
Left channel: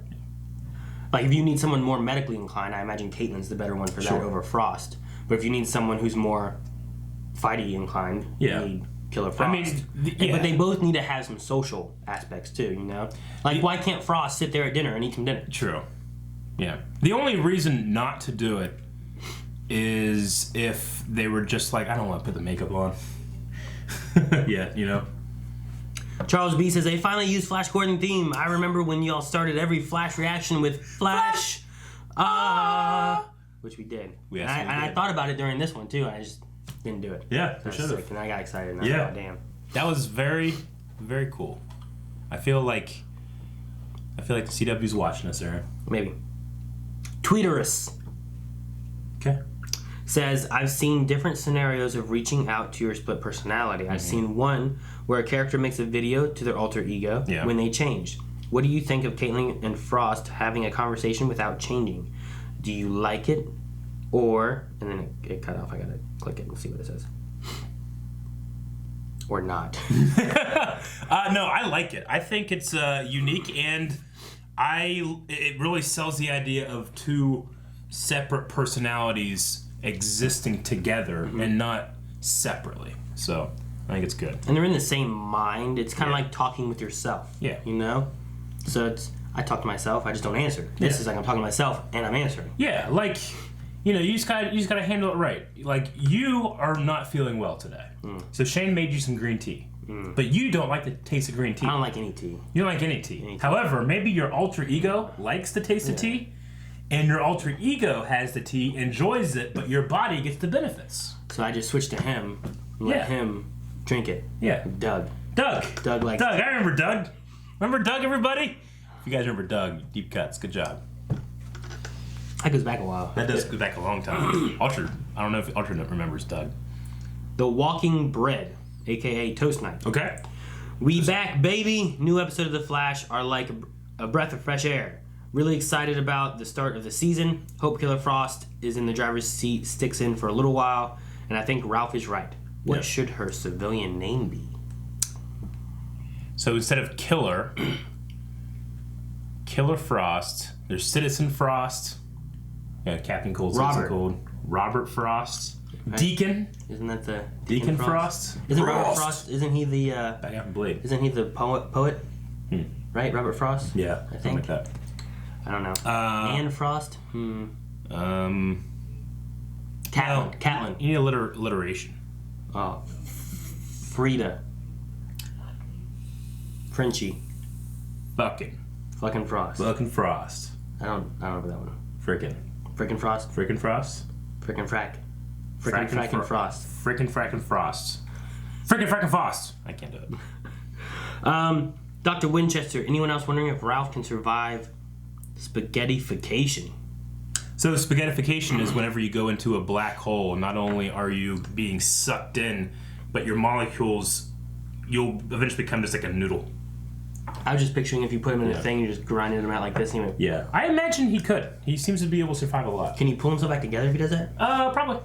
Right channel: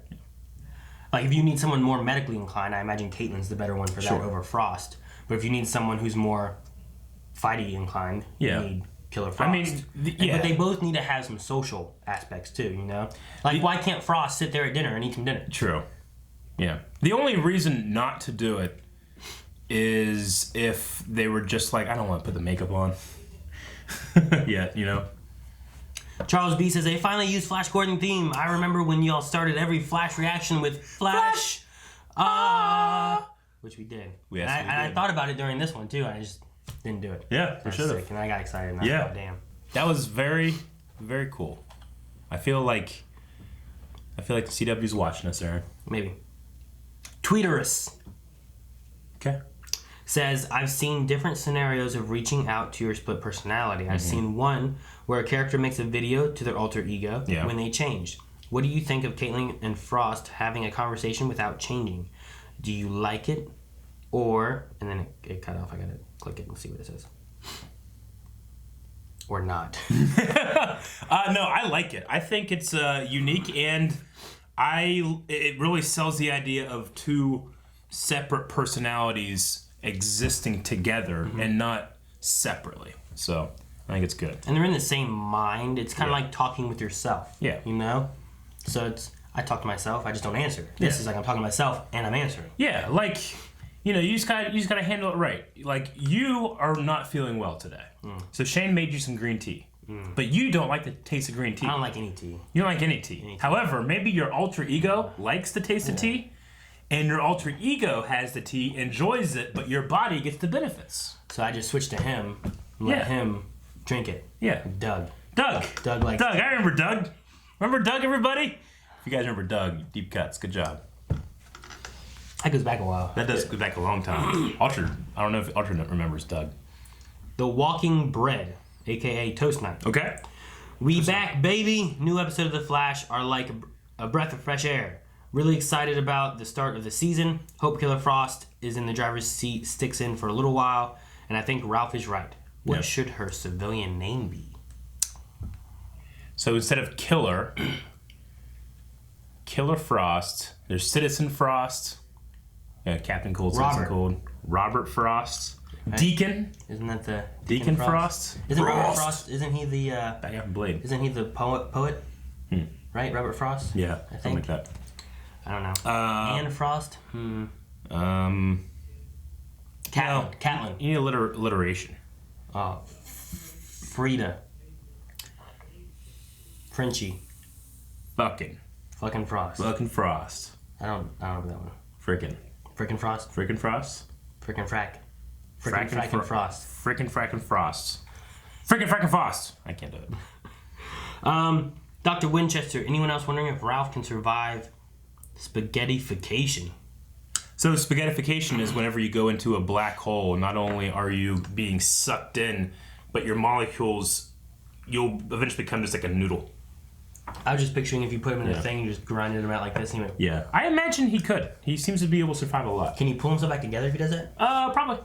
Like if you need someone more medically inclined, I imagine Caitlin's the better one for that over Frost. But if you need someone who's more fighty inclined, you need Killer Frost. I mean, but they both need to have some social aspects too, you know? Like why can't Frost sit there at dinner and eat some dinner? True. Yeah. The only reason not to do it is if they were just like, I don't want to put the makeup on. Yeah, you know? Charles B says, they finally used Flash Gordon theme. I remember when y'all started every Flash reaction with Flash, which we did. Yes, and I thought about it during this one too. I just didn't do it. Yeah, for sure. And I got excited. And yeah. I thought, damn. That was very, very cool. I feel like the CW's watching us, Aaron. Maybe. Tweeterus. Okay. Says, I've seen different scenarios of reaching out to your split personality. I've seen one where a character makes a video to their alter ego when they change. What do you think of Caitlin and Frost having a conversation without changing? Do you like it? Or, and then it cut off, I gotta click it and see what it says. Or not. No, I like it. I think it's unique, and it really sells the idea of two separate personalities existing together and not separately. So I think it's good. And they're in the same mind. It's kind of like talking with yourself. Yeah. You know? So I talk to myself, I just don't answer. This is like I'm talking to myself and I'm answering. Yeah, like, you know, you just gotta handle it right. Like, you are not feeling well today. So Shane made you some green tea. but you don't like the taste of green tea. I don't like any tea. You don't like any tea. However, maybe your alter ego likes the taste of tea, and your alter ego has the tea, enjoys it, but your body gets the benefits. So I just switched to him and let him drink it. Yeah. Doug. Doug, likes Doug, I remember Doug. Remember Doug, everybody? If you guys remember Doug, deep cuts, good job. That goes back a while. That does go back a long time. I don't know if Alternate remembers Doug. The Walking Bread, aka Toast Night. Okay. We back, baby. New episode of The Flash are like a breath of fresh air. Really excited about the start of the season. Hope Killer Frost is in the driver's seat, sticks in for a little while, and I think Ralph is right. What should her civilian name be? So instead of Killer Frost, there's Citizen Frost, Captain Cold, Citizen Cold, Robert Frost, right. Deacon. Isn't that the Deacon Frost? Isn't Robert Frost? Isn't he the Back out from Blade? Isn't he the poet? Right, Robert Frost. Yeah, I think like that. I don't know. Anne Frost. Catlin. Catlin. You need alliteration. Oh, Frida. Frenchie. Fucking Frost. Fucking Frost. I don't know that one. Frickin' Frost. Frickin' Frost. Frickin' frackin' Frost. Frickin' Frost. Frickin' frackin' Frost. I can't do it. Dr. Winchester, anyone else wondering if Ralph can survive spaghettification? So spaghettification is whenever you go into a black hole, not only are you being sucked in, but your molecules, you'll eventually become just like a noodle. I was just picturing if you put him in a thing, you just grinded him out like this. And yeah, I imagine he could. He seems to be able to survive a lot. Can he pull himself back together if he does that? Probably.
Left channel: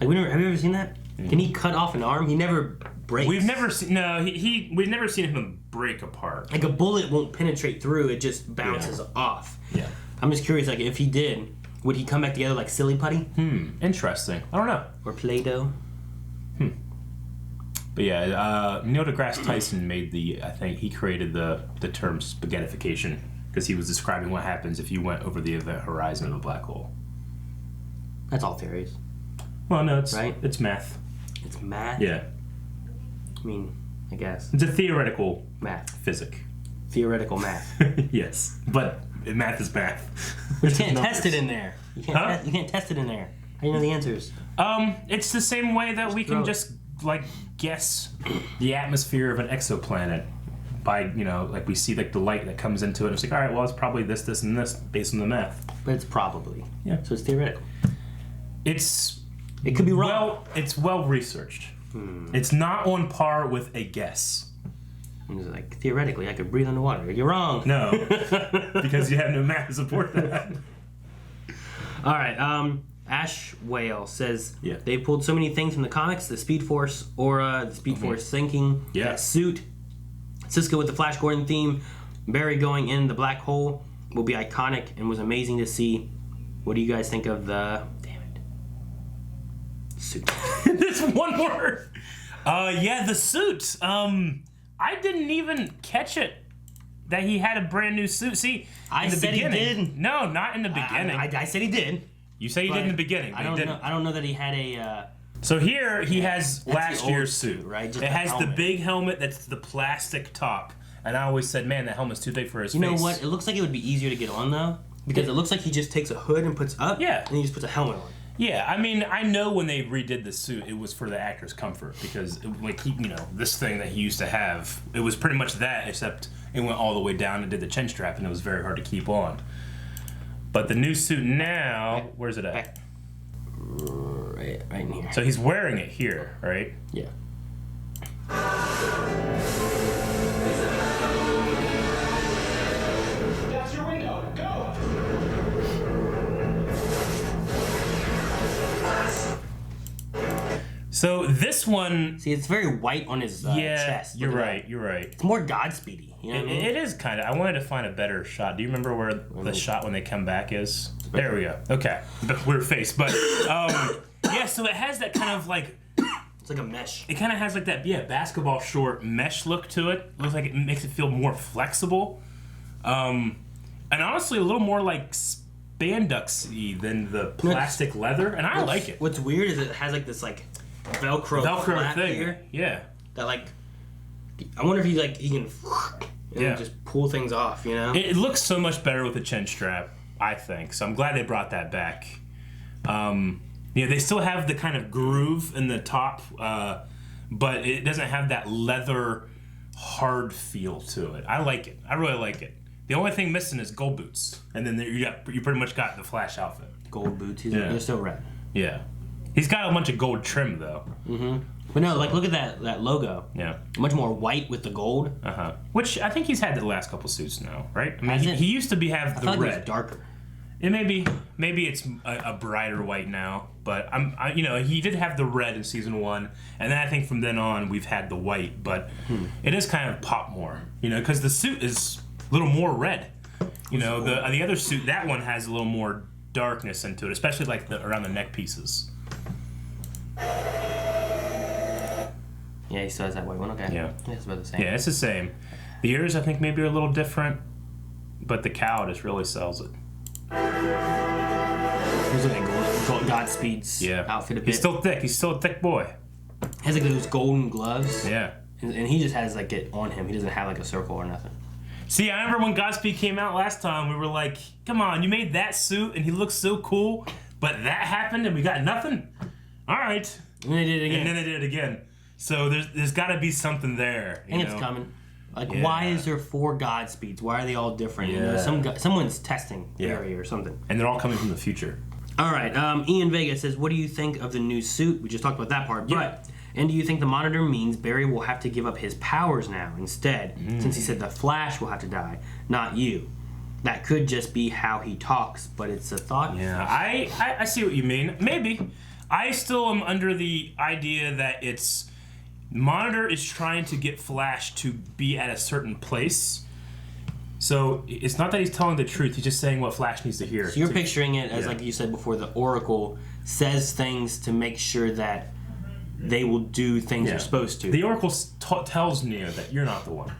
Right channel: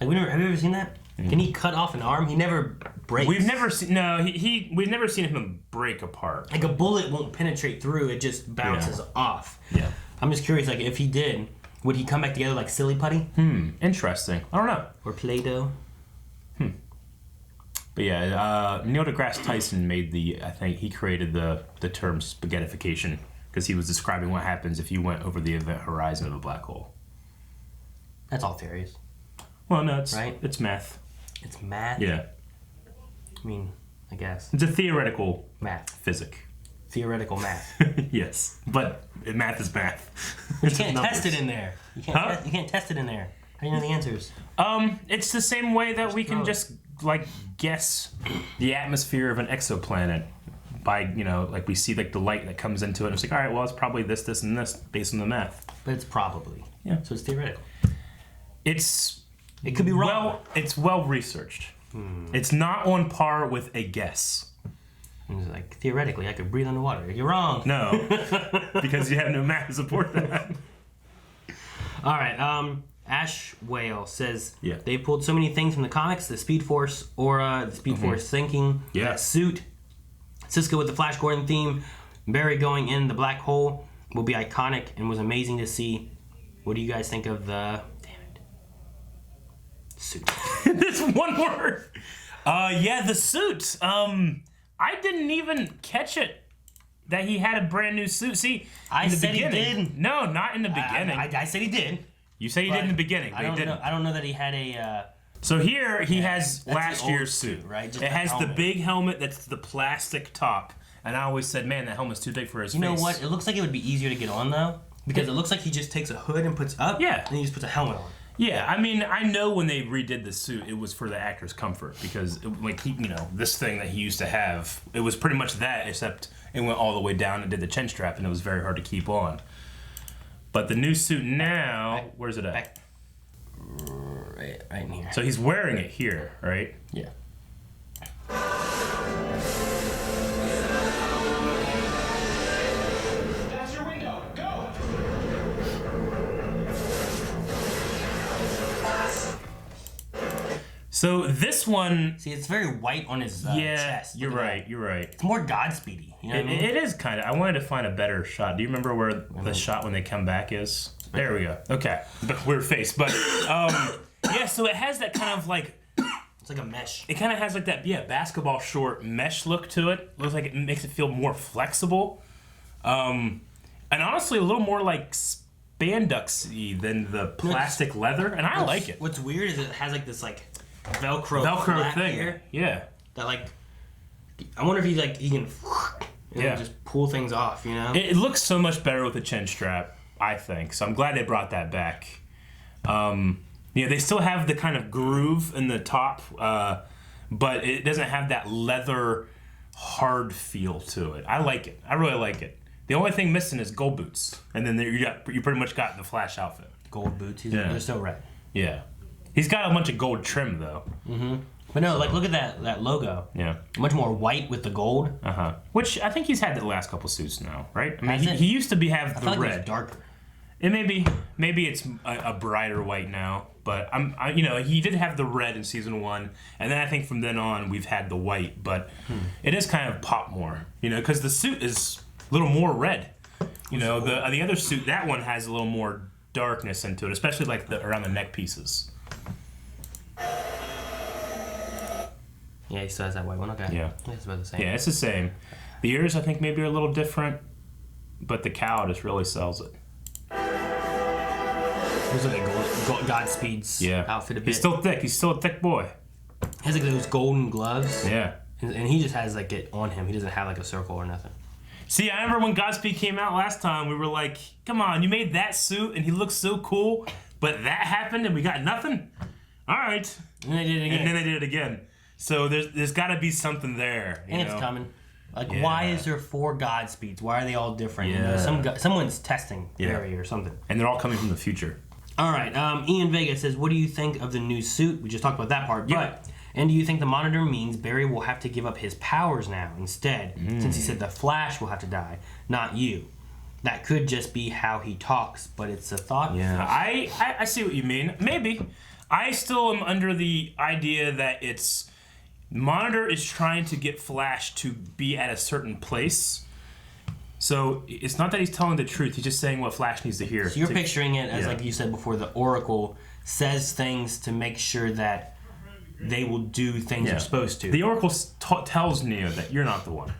Like have you ever seen that? Can he cut off an arm? He never breaks. We've never seen. No, we've never seen him break apart. Like a bullet won't penetrate through; it just bounces off. Yeah. I'm just curious. Like if he did, would he come back together like silly putty? Interesting. I don't know. Or Play-Doh. But yeah, Neil deGrasse Tyson I think he created the term spaghettification because he was describing what happens if you went over the event horizon of a black hole. That's all theories. Well, no, it's math. It's math? Yeah. I mean, I guess. It's a theoretical math. Physic. Theoretical math. Yes, but math is math. You can't test it in there. You can't test it in there. How do you know the answers? It's the same way that we can just guess the atmosphere of an exoplanet by like we see like the light that comes into it. And it's like, all right, well, it's probably this, and this based on the math. But it's probably. Yeah. So it's theoretical. It could be wrong. It's well researched. It's not on par with a guess. It's like theoretically, I could breathe underwater. You're wrong. No, because you have no math to support that. All right. Ash Whale says they pulled so many things from the comics: the Speed Force aura, the Speed Force sinking, that suit, Cisco with the Flash Gordon theme, Barry going in the black hole will be iconic and was amazing to see. What do you guys think of the suit? There's one word. The suit. I didn't even catch it that he had a brand new suit. See, I in the said beginning. He did. No, not in the beginning. I said he did. You say he did in the beginning, but he didn't. I don't know that he had a. So here he has last year's suit, right? Just it has the big helmet that's the plastic top, and I always said, man, that helmet's too big for his face. You know what? It looks like it would be easier to get on though, because it looks like he just takes a hood and puts up, and he just puts a helmet on. Yeah, I mean, I know when they redid the suit, it was for the actor's comfort because, this thing that he used to have, it was pretty much that, except it went all the way down and did the chin strap, and it was very hard to keep on. But the new suit now, where's it at? Right in here. So he's wearing it here, right? Yeah. That's your window. Go! So this one... See, it's very white on his chest. You're right. It's more Godspeedy. You know what I mean? It is kind of. I wanted to find a better shot. Do you remember where the shot when they come back is? There we go. Okay. Weird face. But, so it has that kind of it's like a mesh. It kind of has that, basketball short mesh look to it. Looks like it makes it feel more flexible. And honestly, a little more like spandex-y than the plastic leather. And I like it. What's weird is it has this Velcro thing here. Yeah. That I wonder if he can just pull things off, you know? It looks so much better with a chin strap, I think. So I'm glad they brought that back. They still have the kind of groove in the top, but it doesn't have that leather hard feel to it. I like it. I really like it. The only thing missing is gold boots, and then you pretty much got the Flash outfit. Gold boots. They're still red. Yeah, he's got a bunch of gold trim though. Mm-hmm. But no, look at that logo. Yeah, much more white with the gold. Which I think he's had the last couple suits now, right? I mean, he used to have the red. It was darker. It maybe it's a brighter white now, but he did have the red in season 1, and then I think from then on we've had the white, but it is kind of pop more, because the suit is a little more red. The other suit, that one has a little more darkness into it, especially like around the neck pieces. Yeah, he still has that white one. Okay. Yeah, it's about the same. Yeah, it's the same. The ears I think maybe are a little different, but the cowl just really sells it. He's like Godspeed's outfit a bit. He's still thick. He's still a thick boy. He has like those golden gloves. Yeah. And he just has like it on him. He doesn't have like a circle or nothing. See, I remember when Godspeed came out last time, we were like, come on, you made that suit and he looks so cool, but that happened and we got nothing? All right. And they did it again. And then they did it again. So there's got to be something there. And it's coming. Like, why is there 4 Godspeeds? Why are they all different? Someone's testing Barry or something. And they're all coming from the future. All right. Ian Vega says, what do you think of the new suit? We just talked about that part. Yeah. And do you think the monitor means Barry will have to give up his powers now instead, since he said the Flash will have to die, not you? That could just be how he talks, but it's a thought. Yeah, I see what you mean. Maybe. I still am under the idea that Monitor is trying to get Flash to be at a certain place. So it's not that he's telling the truth, he's just saying what Flash needs to hear. So you're picturing it as, like you said before, the Oracle says things to make sure that they will do things they're supposed to. The Oracle tells Neo that you're not the one,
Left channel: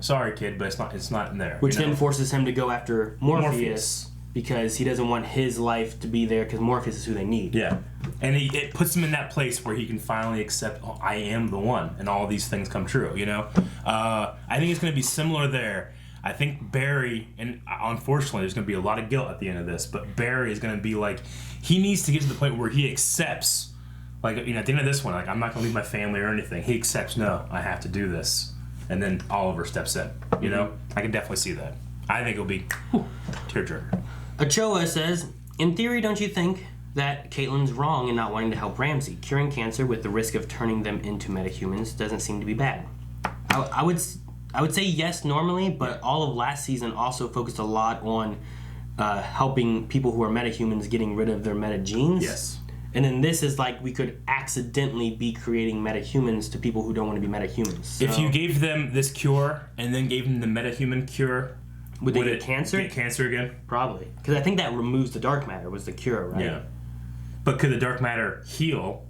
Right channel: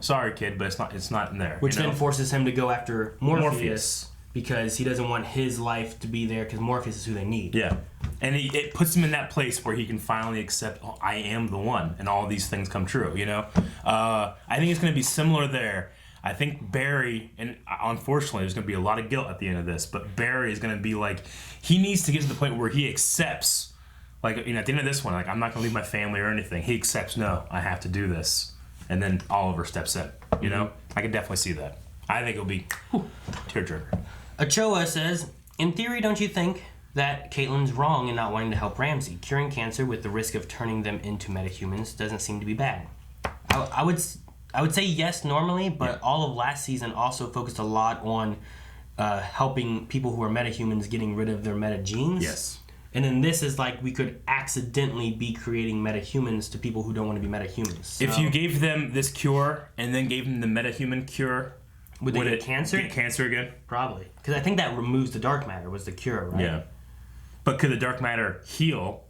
Sorry, kid, but it's not in there. Which then forces him to go after Morpheus. Because he doesn't want his life to be there, because Morpheus is who they need. Yeah. And it puts him in that place where he can finally accept, I am the one, and all these things come true, I think it's going to be similar there. I think Barry, and unfortunately there's going to be a lot of guilt at the end of this, but Barry is going to be like, he needs to get to the point where he accepts, like, at the end of this one, like, I'm not going to leave my family or anything. He accepts, no, I have to do this. And then Oliver steps in, I can definitely see that. I think it'll be tearjerker. Ochoa says, in theory, don't you think that Caitlin's wrong in not wanting to help Ramsey? Curing cancer with the risk of turning them into metahumans doesn't seem to be bad. I would say yes normally, but all of last season also focused a lot on helping people who are metahumans getting rid of their meta genes. Yes. And then this is like we could accidentally be creating metahumans to people who don't want to be metahumans. So, if you gave them this cure and then gave them the metahuman cure, would they get cancer? Get cancer again? Probably. Because I think that removes the dark matter was the cure, right? Yeah. But could the dark matter heal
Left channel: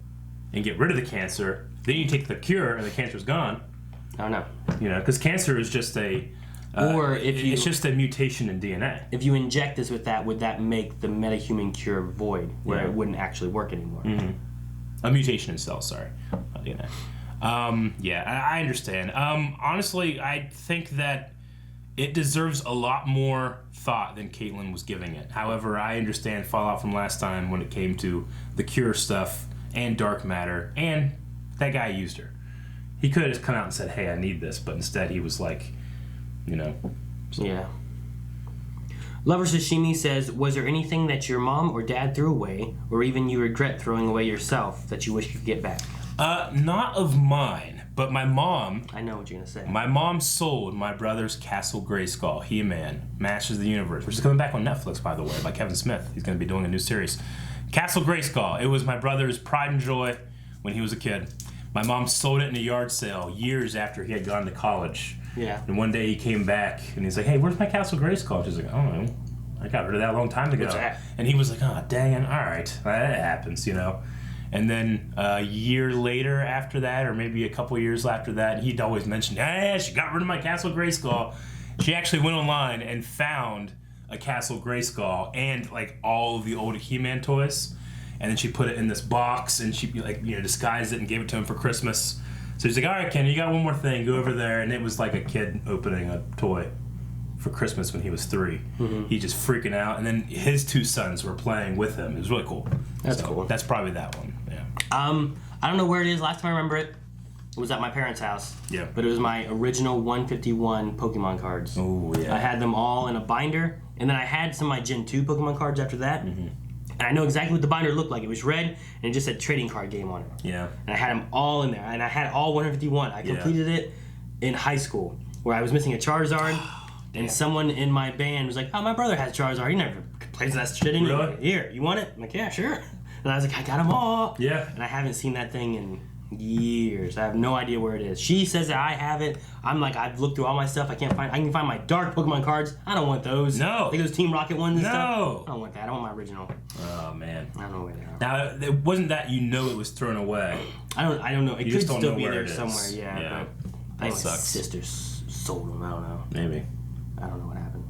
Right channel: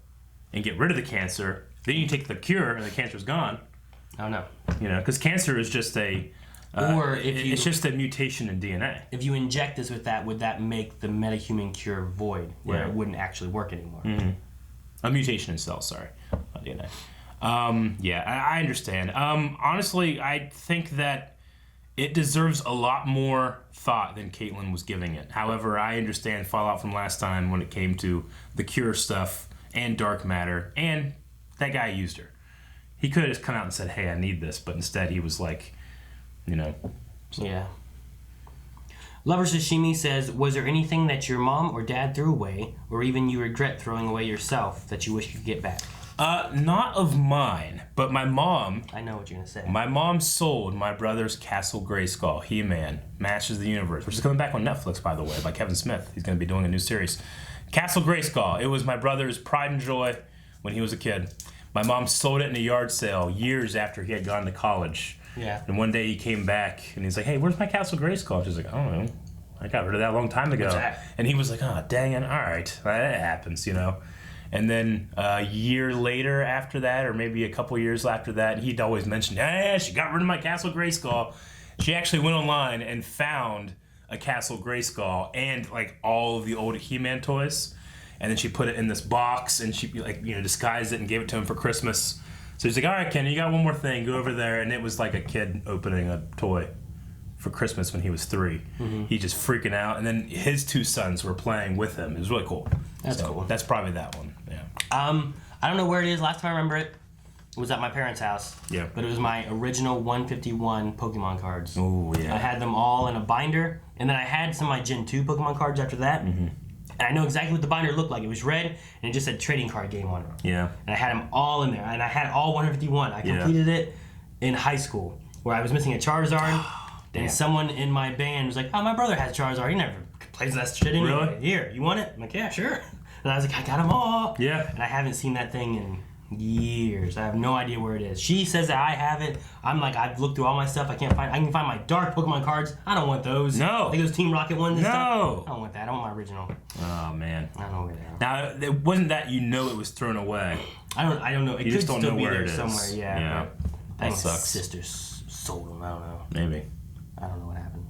and get rid of the cancer? Then you take the cure and the cancer's gone. I don't know. Because cancer is just it's just a mutation in DNA. If you inject this with that, would that make the metahuman cure void, where it wouldn't actually work anymore? Mm-hmm. A mutation in cells, sorry. Not DNA. I understand. Honestly, I think that it deserves a lot more thought than Caitlin was giving it. However, I understand fallout from last time when it came to the cure stuff and dark matter, and that guy used her. He could have just come out and said, hey, I need this, but instead he was like, So. Yeah. Lover Sashimi says, was there anything that your mom or dad threw away, or even you regret throwing away yourself, that you wish you could get back? Not of mine, but my mom... I know what you're going to say. My mom sold my brother's Castle Grayskull, He-Man, Masters of the Universe, which is coming back on Netflix, by the way, by Kevin Smith. He's going to be doing a new series. Castle Grayskull. It was my brother's pride and joy when he was a kid. My mom sold it in a yard sale years after he had gone to college. Yeah. And one day he came back, and he's like, hey, where's my Castle Grayskull? She's like, I don't know. I got rid of that a long time ago. And he was like, oh, dang it. All right. That happens, And then a year later after that, or maybe a couple years after that, he'd always mention, hey, she got rid of my Castle Grayskull. She actually went online and found a Castle Grayskull and like all of the old He-Man toys. And then she put it in this box and she disguised it and gave it to him for Christmas. So he's like, all right, Ken, you got one more thing. Go over there. And it was like a kid opening a toy for Christmas when he was 3. Mm-hmm. He just freaking out. And then his 2 sons were playing with him. It was really cool. That's cool. That's probably that one. Yeah. I don't know where it is. Last time I remember it was at my parents' house. Yeah. But it was my original 151 Pokemon cards. Oh, yeah. I had them all in a binder. And then I had some of my Gen 2 Pokemon cards after that. Mm-hmm. And I know exactly what the binder looked like. It was red, and it just said trading card game on it. Yeah. And I had them all in there, and I had all 151. I completed it in high school, where I was missing a Charizard, and someone in my band was like, "Oh, my brother has Charizard. He never plays that shit anyway. Really? Here, you want it?" I'm like, "Yeah, sure." And I was like, "I got them all." Yeah. And I haven't seen that thing in years. I have no idea where it is. She says that I have it. I'm like, I've looked through all my stuff. I can find my dark Pokemon cards. I don't want those. No. Like those Team Rocket ones and No. stuff. I don't want that. I want my original. Oh, man. I don't know where they are. Now, it wasn't that you know it was thrown away. I don't know. It You could just don't still know be where there it is. somewhere. Yeah. Yeah. But I think That my sucks. sister sold them. I don't know. Maybe. I don't know what happened.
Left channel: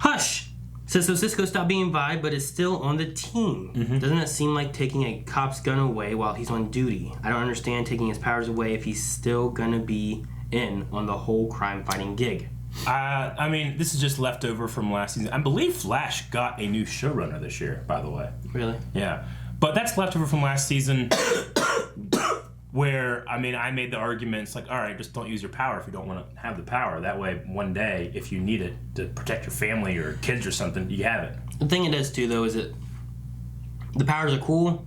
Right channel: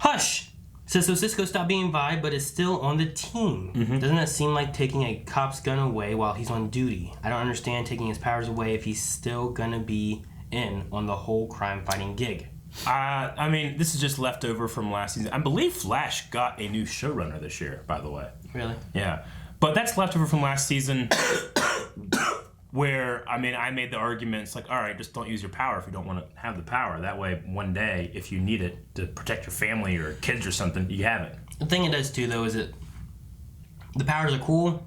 Hush! Says so Cisco stopped being Vi, but is still on the team. Mm-hmm. Doesn't that seem like taking a cop's gun away while he's on duty? I don't understand taking his powers away if he's still gonna be in on the whole crime-fighting gig. I mean, this is just leftover from last season. I believe Flash got a new showrunner this year, by the way. Really? Yeah. But that's leftover from last season where, I mean, I made the argument, it's like, all right, just don't use your power if you don't want to have the power. That way, one day, if you need it to protect your family or kids or something, you have it. The thing it does, too, though, is that the powers are cool.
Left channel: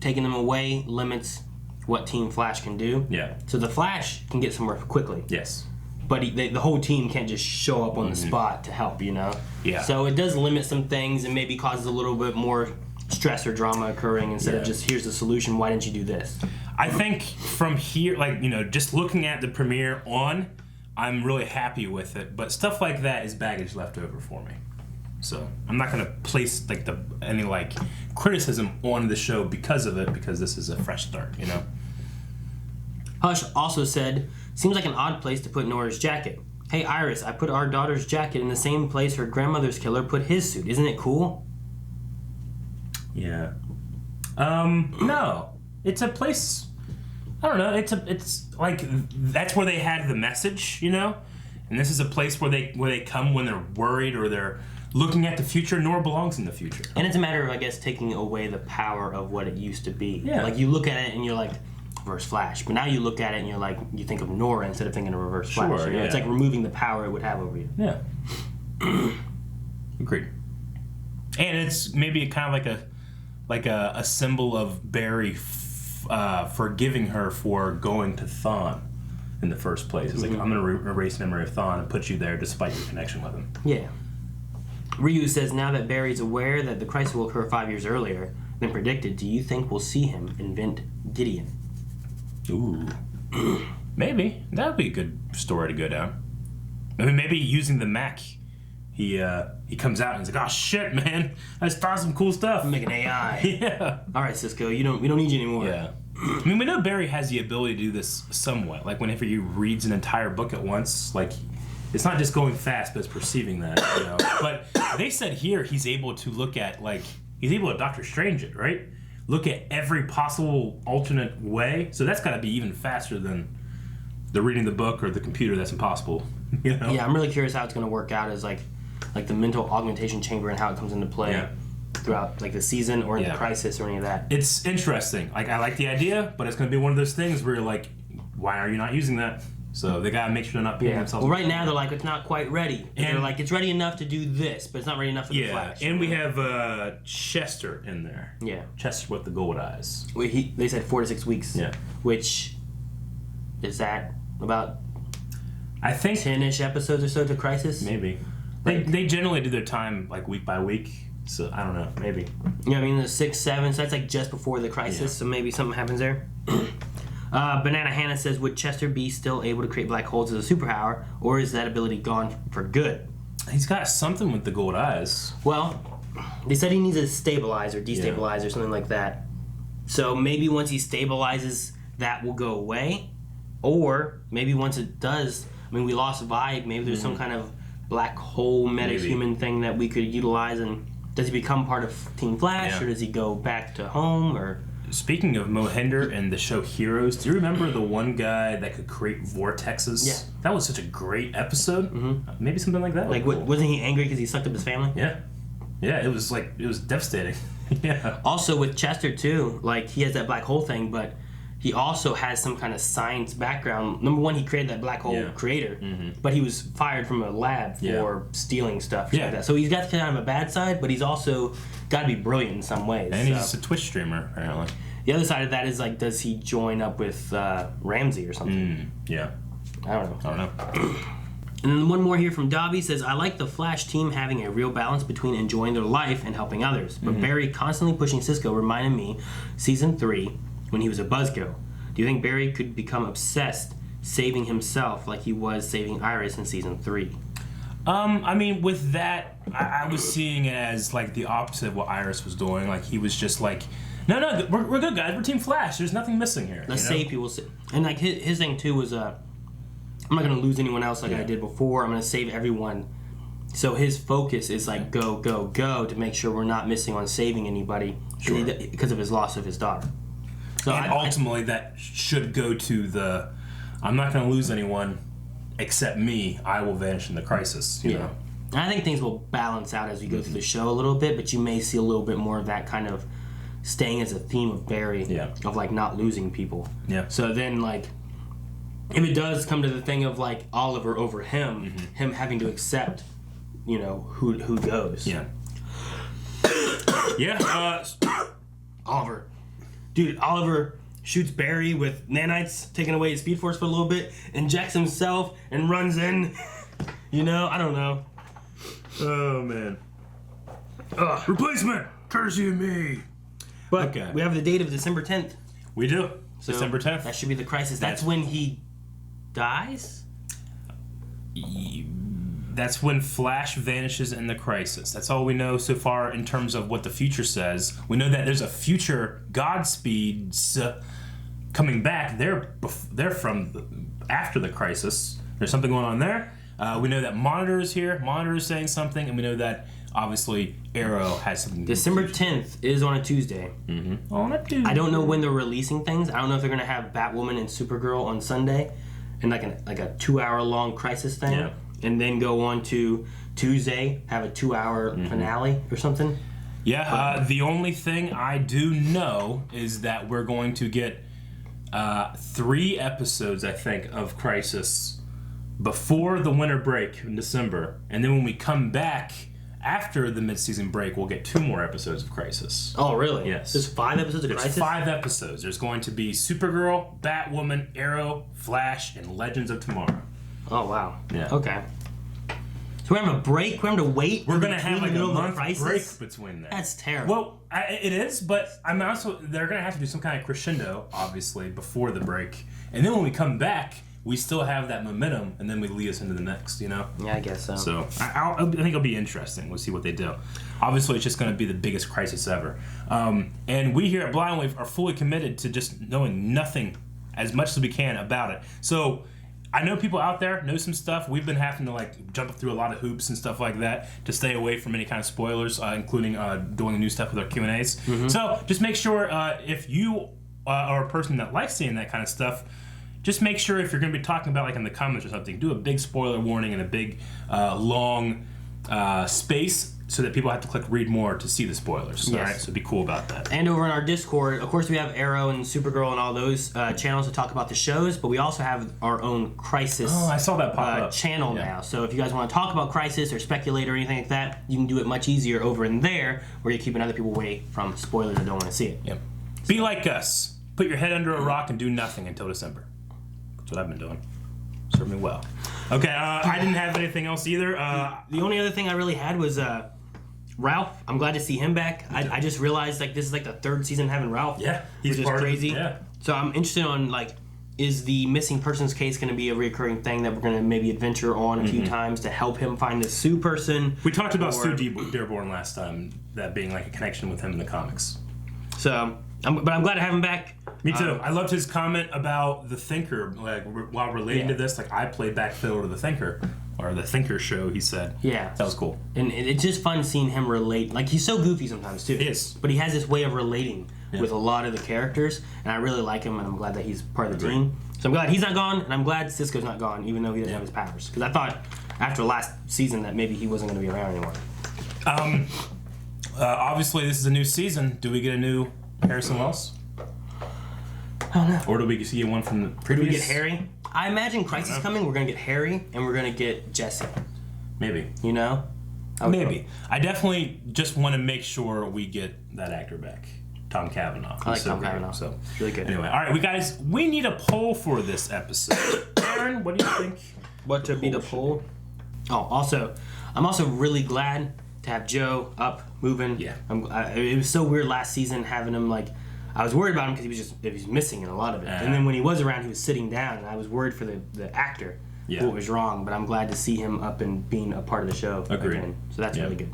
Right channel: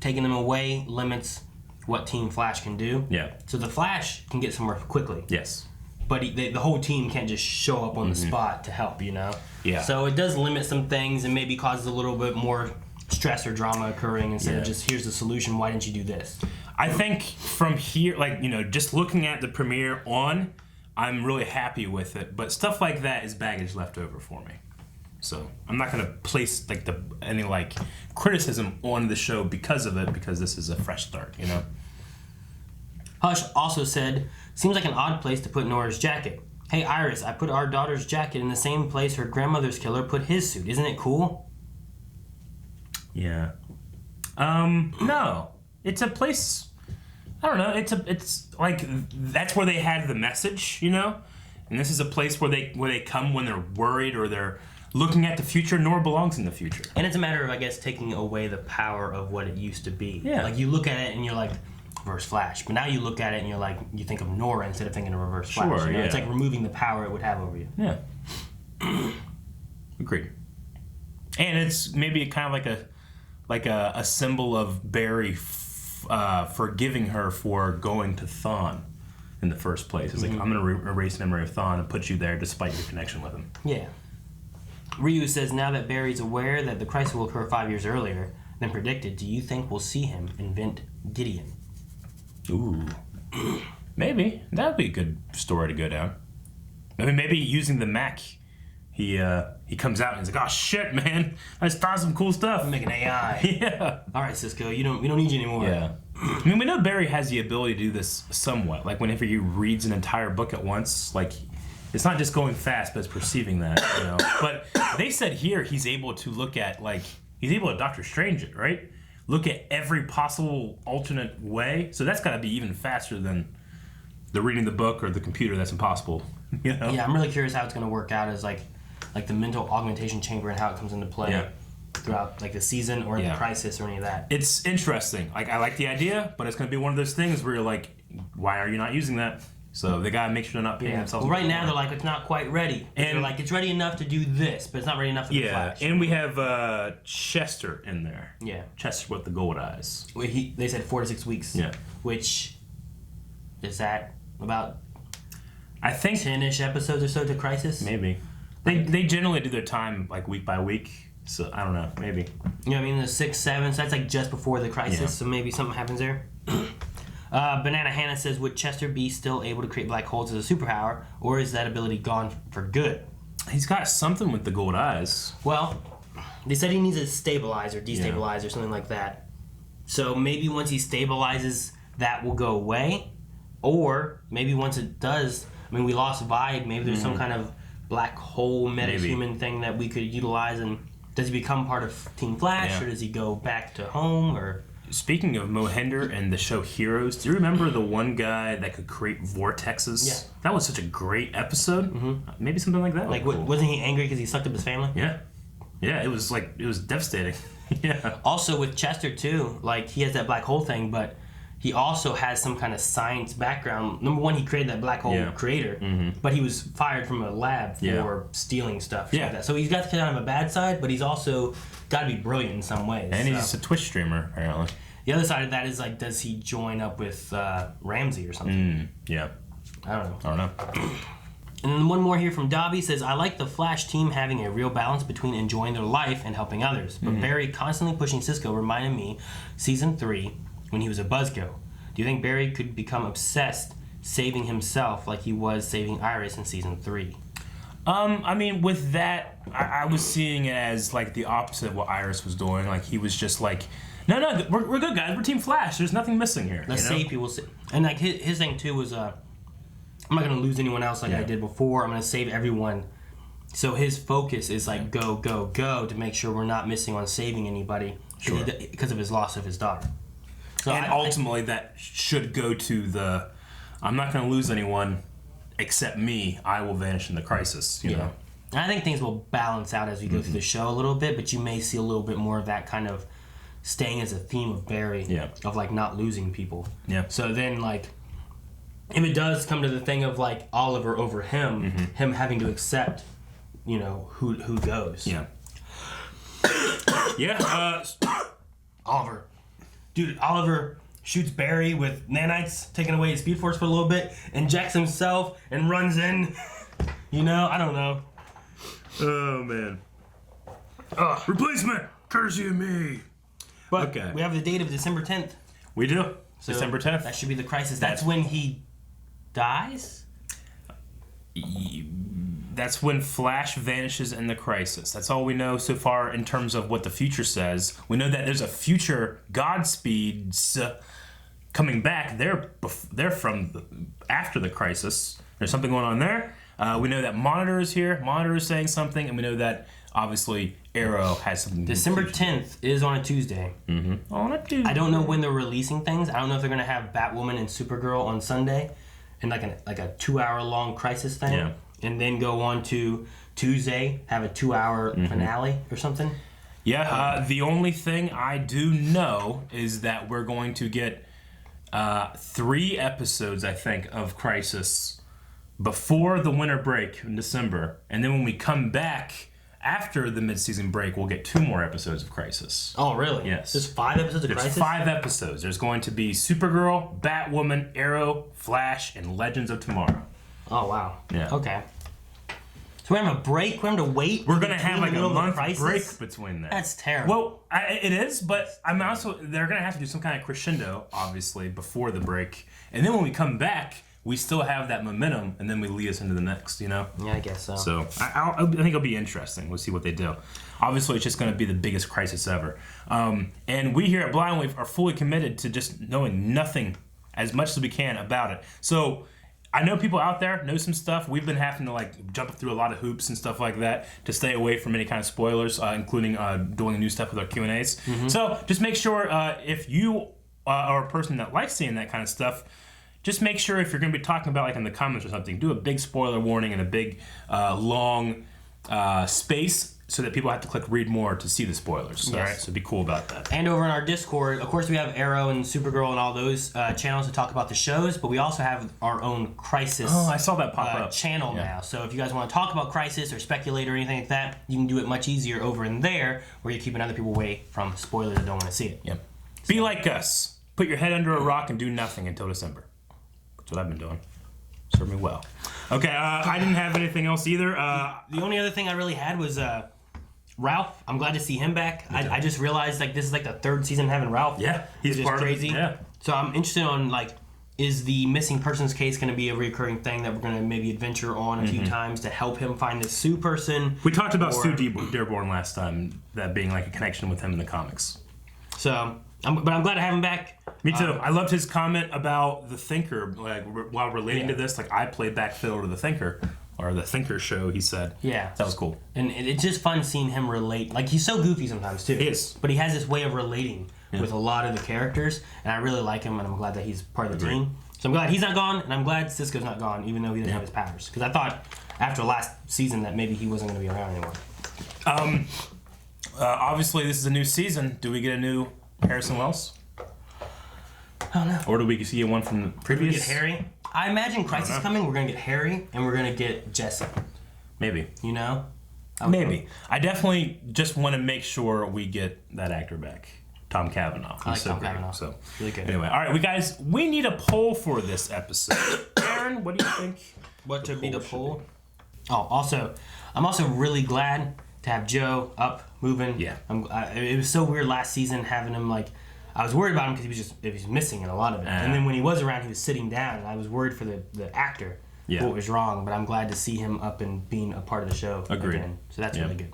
Taking them away limits what Team Flash can do. Yeah. So the Flash can get somewhere quickly. Yes. But the whole team can't just show up on the spot to help, you know? Yeah. So it does limit some things and maybe causes a little bit more stress or drama occurring instead of just, here's the solution, why didn't you do this? I think from here, like, you know, just looking at the premiere on, I'm really happy with it. But stuff like that is baggage left over for me. So I'm not going to place like any like criticism on the show because of it, because this is a fresh start, you know? Hush also said, seems like an odd place to put Nora's jacket. Hey Iris, I put our daughter's jacket in the same place her grandmother's killer put his suit. Isn't it cool? Yeah. No. It's a place, I don't know, it's like, that's where they had the message, you know? And this is a place where they come when they're worried or they're looking at the future. Nora belongs in the future. And it's a matter of, I guess, taking away the power of what it used to be. Yeah. Like, you look at it and you're like, Reverse Flash. But now you look at it and you're like, you think of Nora instead of thinking of Reverse Flash. Sure, You know? yeah. It's like removing the power it would have over you. Yeah. Agreed. And it's maybe kind of like a symbol of Barry forgiving her for going to Thawne in the first place. It's like, I'm going to erase memory of Thawne and put you there despite your connection with him. Yeah. Ryu says, now that Barry's aware that the crisis will occur 5 years earlier than predicted, do you think we'll see him invent Gideon? Ooh. Maybe. That would be a good story to go down. I mean, maybe using the mech, he comes out and he's like, oh shit, man, I just thought some cool stuff. Make an AI. Yeah. All right, Cisco, we don't need you anymore. Yeah. I mean, we know Barry has the ability to do this somewhat. Like, whenever he reads an entire book at once, like, it's not just going fast, but it's perceiving that, you know. But they said here he's able to look at, like, he's able to Doctor Strange it, right? Look at every possible alternate way. So that's got to be even faster than the reading the book or the computer. That's impossible, you know? Yeah, I'm really curious how it's going to work out as, like the mental augmentation chamber and how it comes into play throughout, like, the season or the crisis or any of that. It's interesting. Like, I like the idea, but it's going to be one of those things where you're like, why are you not using that? So they gotta make sure they're not beating themselves. Well, right now they're like, it's not quite ready. And they're like, it's ready enough to do this, but it's not ready enough for the Flash. And we have Chester in there. Yeah. Chester with the gold eyes. Well, they said 4 to 6 weeks. Yeah. Which is that about? I think 10-ish episodes or so to Crisis. Maybe. They generally do their time like week by week. So I don't know. Maybe. Yeah, I mean there's 6, 7. So that's like just before the Crisis. Yeah. So maybe something happens there. Banana Hannah says, would Chester be still able to create black holes as a superpower, or is that ability gone for good? He's got something with the gold eyes. Well, they said he needs to stabilize or destabilize or something like that. So maybe once he stabilizes, that will go away. Or maybe once it does, I mean, we lost Vi. Maybe there's some kind of black hole metahuman thing that we could utilize. And does he become part of Team Flash, or does he go back to home? Or speaking of Mohinder and the show Heroes, do you remember the one guy that could create vortexes? Yeah. That was such a great episode. Maybe something like that. Like, cool. wasn't he angry because he sucked up his family? Yeah. Yeah, it was devastating. Yeah. Also with Chester too, like he has that black hole thing, but he also has some kind of science background. Number one, he created that black hole creator, but he was fired from a lab for stealing stuff. Like that. So he's got kind of a bad side, but he's also got to be brilliant in some ways. And he's just a Twitch streamer, apparently. The other side of that is like, does he join up with Ramsey or something? Yeah. I don't know. And then one more here from Dobby says, I like the Flash team having a real balance between enjoying their life and helping others. But Barry constantly pushing Cisco reminded me season 3 when he was a buzzkill. Do you think Barry could become obsessed saving himself like he was saving Iris in season 3? I mean, with that, I was seeing it as like the opposite of what Iris was doing. Like he was just like, no, we're good guys. We're Team Flash. There's nothing missing here. Let's save people. And like his thing too was, I'm not gonna lose anyone else like I did before. I'm gonna save everyone. So his focus is like go to make sure we're not missing on saving anybody because of his loss of his daughter. So and ultimately, that should go to the, I'm not going to lose anyone except me. I will vanish in the crisis, you know? And I think things will balance out as we go through the show a little bit, but you may see a little bit more of that kind of staying as a theme of Barry, of like not losing people. Yeah. So then, like, if it does come to the thing of like Oliver over him, him having to accept, you know, who goes. Yeah. Yeah. Oliver. Dude, Oliver shoots Barry with nanites, taking away his speed force for a little bit, injects himself, and runs in. You know, I don't know. Oh, man. Replacement! Courtesy of me! But we have the date of December 10th. We do. So December 10th. That should be the crisis. That's when he dies? That's when Flash vanishes in the crisis. That's all we know so far in terms of what the future says. We know that there's a future Godspeeds coming back. They're from after the crisis. There's something going on there. We know that Monitor is here. Monitor is saying something, and we know that obviously Arrow has something. December 10th is on a Tuesday. On a Tuesday. I don't know when they're releasing things. I don't know if they're gonna have Batwoman and Supergirl on Sunday, and like a 2-hour-long crisis thing. Yeah. And then go on to Tuesday, have a 2-hour finale or something. Yeah, the only thing I do know is that we're going to get 3 episodes, I think, of Crisis before the winter break in December. And then when we come back after the mid-season break, we'll get 2 more episodes of Crisis. Oh, really? Yes. There's 5 episodes of Crisis? There's 5 episodes. There's going to be Supergirl, Batwoman, Arrow, Flash, and Legends of Tomorrow. Oh, wow. Yeah. Okay. So we're having a break? We're having to wait? We're going to have like a month break between that. That's terrible. Well, it is, but I'm also, they're going to have to do some kind of crescendo, obviously, before the break. And then when we come back, we still have that momentum, and then we lead us into the next, you know? Yeah, I guess so. So I think it'll be interesting. We'll see what they do. Obviously, it's just going to be the biggest crisis ever. And we here at Blind Wave are fully committed to just knowing nothing as much as we can about it. So I know people out there know some stuff. We've been having to like jump through a lot of hoops and stuff like that to stay away from any kind of spoilers, including doing new stuff with our Q&As. So just make sure if you are a person that likes seeing that kind of stuff, just make sure if you're going to be talking about like in the comments or something, do a big spoiler warning and a big long space so that people have to click read more to see the spoilers. Yes. All right, so be cool about that. And over in our Discord, of course, we have Arrow and Supergirl and all those channels to talk about the shows, but we also have our own Crisis I saw that pop up. channel now. So if you guys want to talk about Crisis or speculate or anything like that, you can do it much easier over in there where you're keeping other people away from spoilers that don't want to see it. Yep. Be like us. Put your head under a rock and do nothing until December. That's what I've been doing. Served me well. Okay, I didn't have anything else either. The only other thing I really had was Ralph. I'm glad to see him back. I just realized like this is like the 3rd season having Ralph. Yeah, he's which part is crazy. of it. Yeah. So I'm interested on like, is the missing persons case going to be a recurring thing that we're going to maybe adventure on a few times to help him find the Sue person? We talked about Sue Dearborn last time, that being like a connection with him in the comics. So, but I'm glad to have him back. Me too. I loved his comment about the Thinker, like while relating to this. Like I played back fiddle to the Thinker or the Thinker Show, he said. Yeah. That was cool. And it's just fun seeing him relate. Like, he's so goofy sometimes, too. He is. But he has this way of relating with a lot of the characters, and I really like him, and I'm glad that he's part of the team. So I'm glad he's not gone, and I'm glad Cisco's not gone, even though he doesn't have his powers. Because I thought after last season that maybe he wasn't going to be around anymore. Obviously, this is a new season. Do we get a new Harrison Wells? I don't know. Or do we see one from the previous? Do we get Harry? I imagine Crisis coming. We're going to get Harry, and we're going to get Jesse. Maybe. You know? Maybe. I definitely just want to make sure we get that actor back. Tom Cavanaugh. I like Tom Cavanaugh. So, really good. Anyway, all right, we need a poll for this episode. Aaron, what do you think? What to be the poll? Oh, also, I'm also really glad to have Joe up, moving. Yeah. It was so weird last season having him, like, I was worried about him because he was missing in a lot of it. And then when he was around, he was sitting down, and I was worried for the actor. Yeah. What was wrong, but I'm glad to see him up and being a part of the show. Agreed. Again. So that's really good.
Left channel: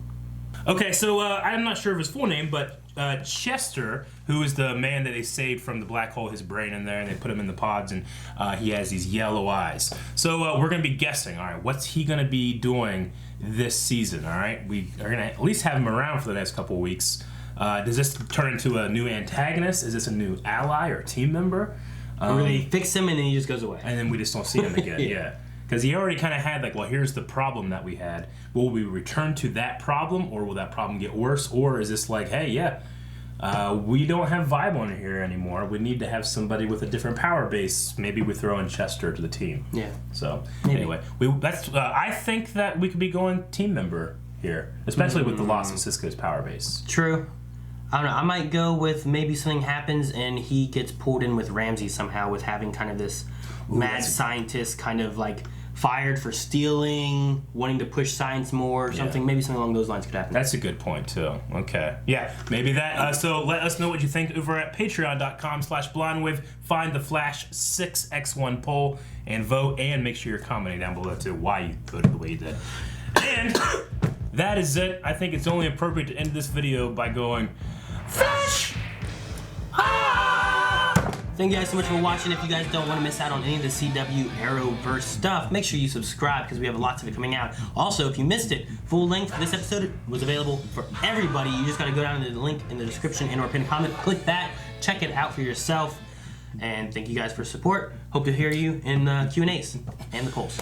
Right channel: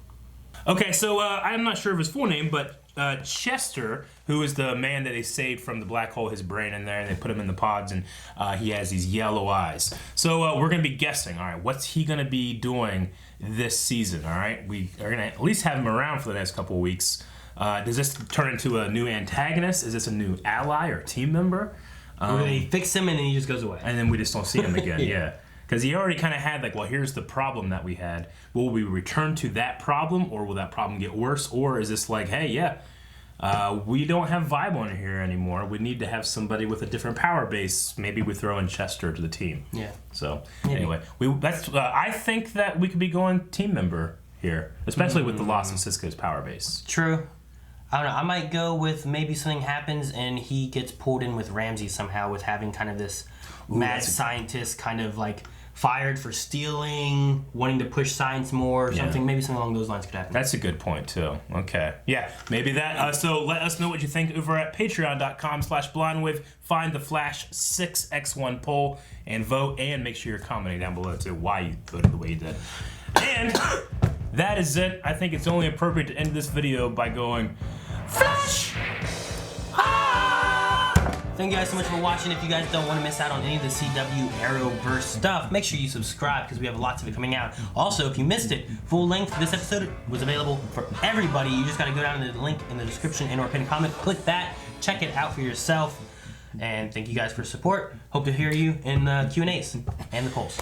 Okay, so I'm not sure of his full name, but Chester, who is the man that they saved from the black hole, his brain in there, and they put him in the pods, and he has these yellow eyes. So we're going to be guessing, all right, what's he going to be doing this season, all right? We are going to at least have him around for the next couple of weeks. Does this turn into a new antagonist? Is this a new ally or team member? Or they fix him and then he just goes away. And then we just don't see him again, yeah. Because he already kind of had, like, well, here's the problem that we had. Will we return to that problem, or will that problem get worse? Or is this like, hey, we don't have Vibe on here anymore. We need to have somebody with a different power base. Maybe we throw in Chester to the team. Yeah. So, anyway, I think that we could be going team member here, especially with the loss of Cisco's power base. True. I don't know. I might go with maybe something happens and he gets pulled in with Ramsey somehow, with having kind of this mad scientist kind of like fired for stealing, wanting to push science more or something. Maybe something along those lines could happen. That's a good point, too. Okay. Yeah, maybe that. So let us know what you think over at patreon.com/blindwave. Find the Flash 6x1 poll and vote, and make sure you're commenting down below, too, why you voted the way you did. And that is it. I think it's only appropriate to end this video by going, Flash! Thank you guys so much for watching. If you guys don't want to miss out on any of the CW Arrowverse stuff, make sure you subscribe because we have lots of it coming out. Also, if you missed it, full length, this episode was available for everybody. You just got to go down to the link in the description and or pin a comment. Click that. Check it out for yourself. And thank you guys for support. Hope to hear you in the Q&As and the polls.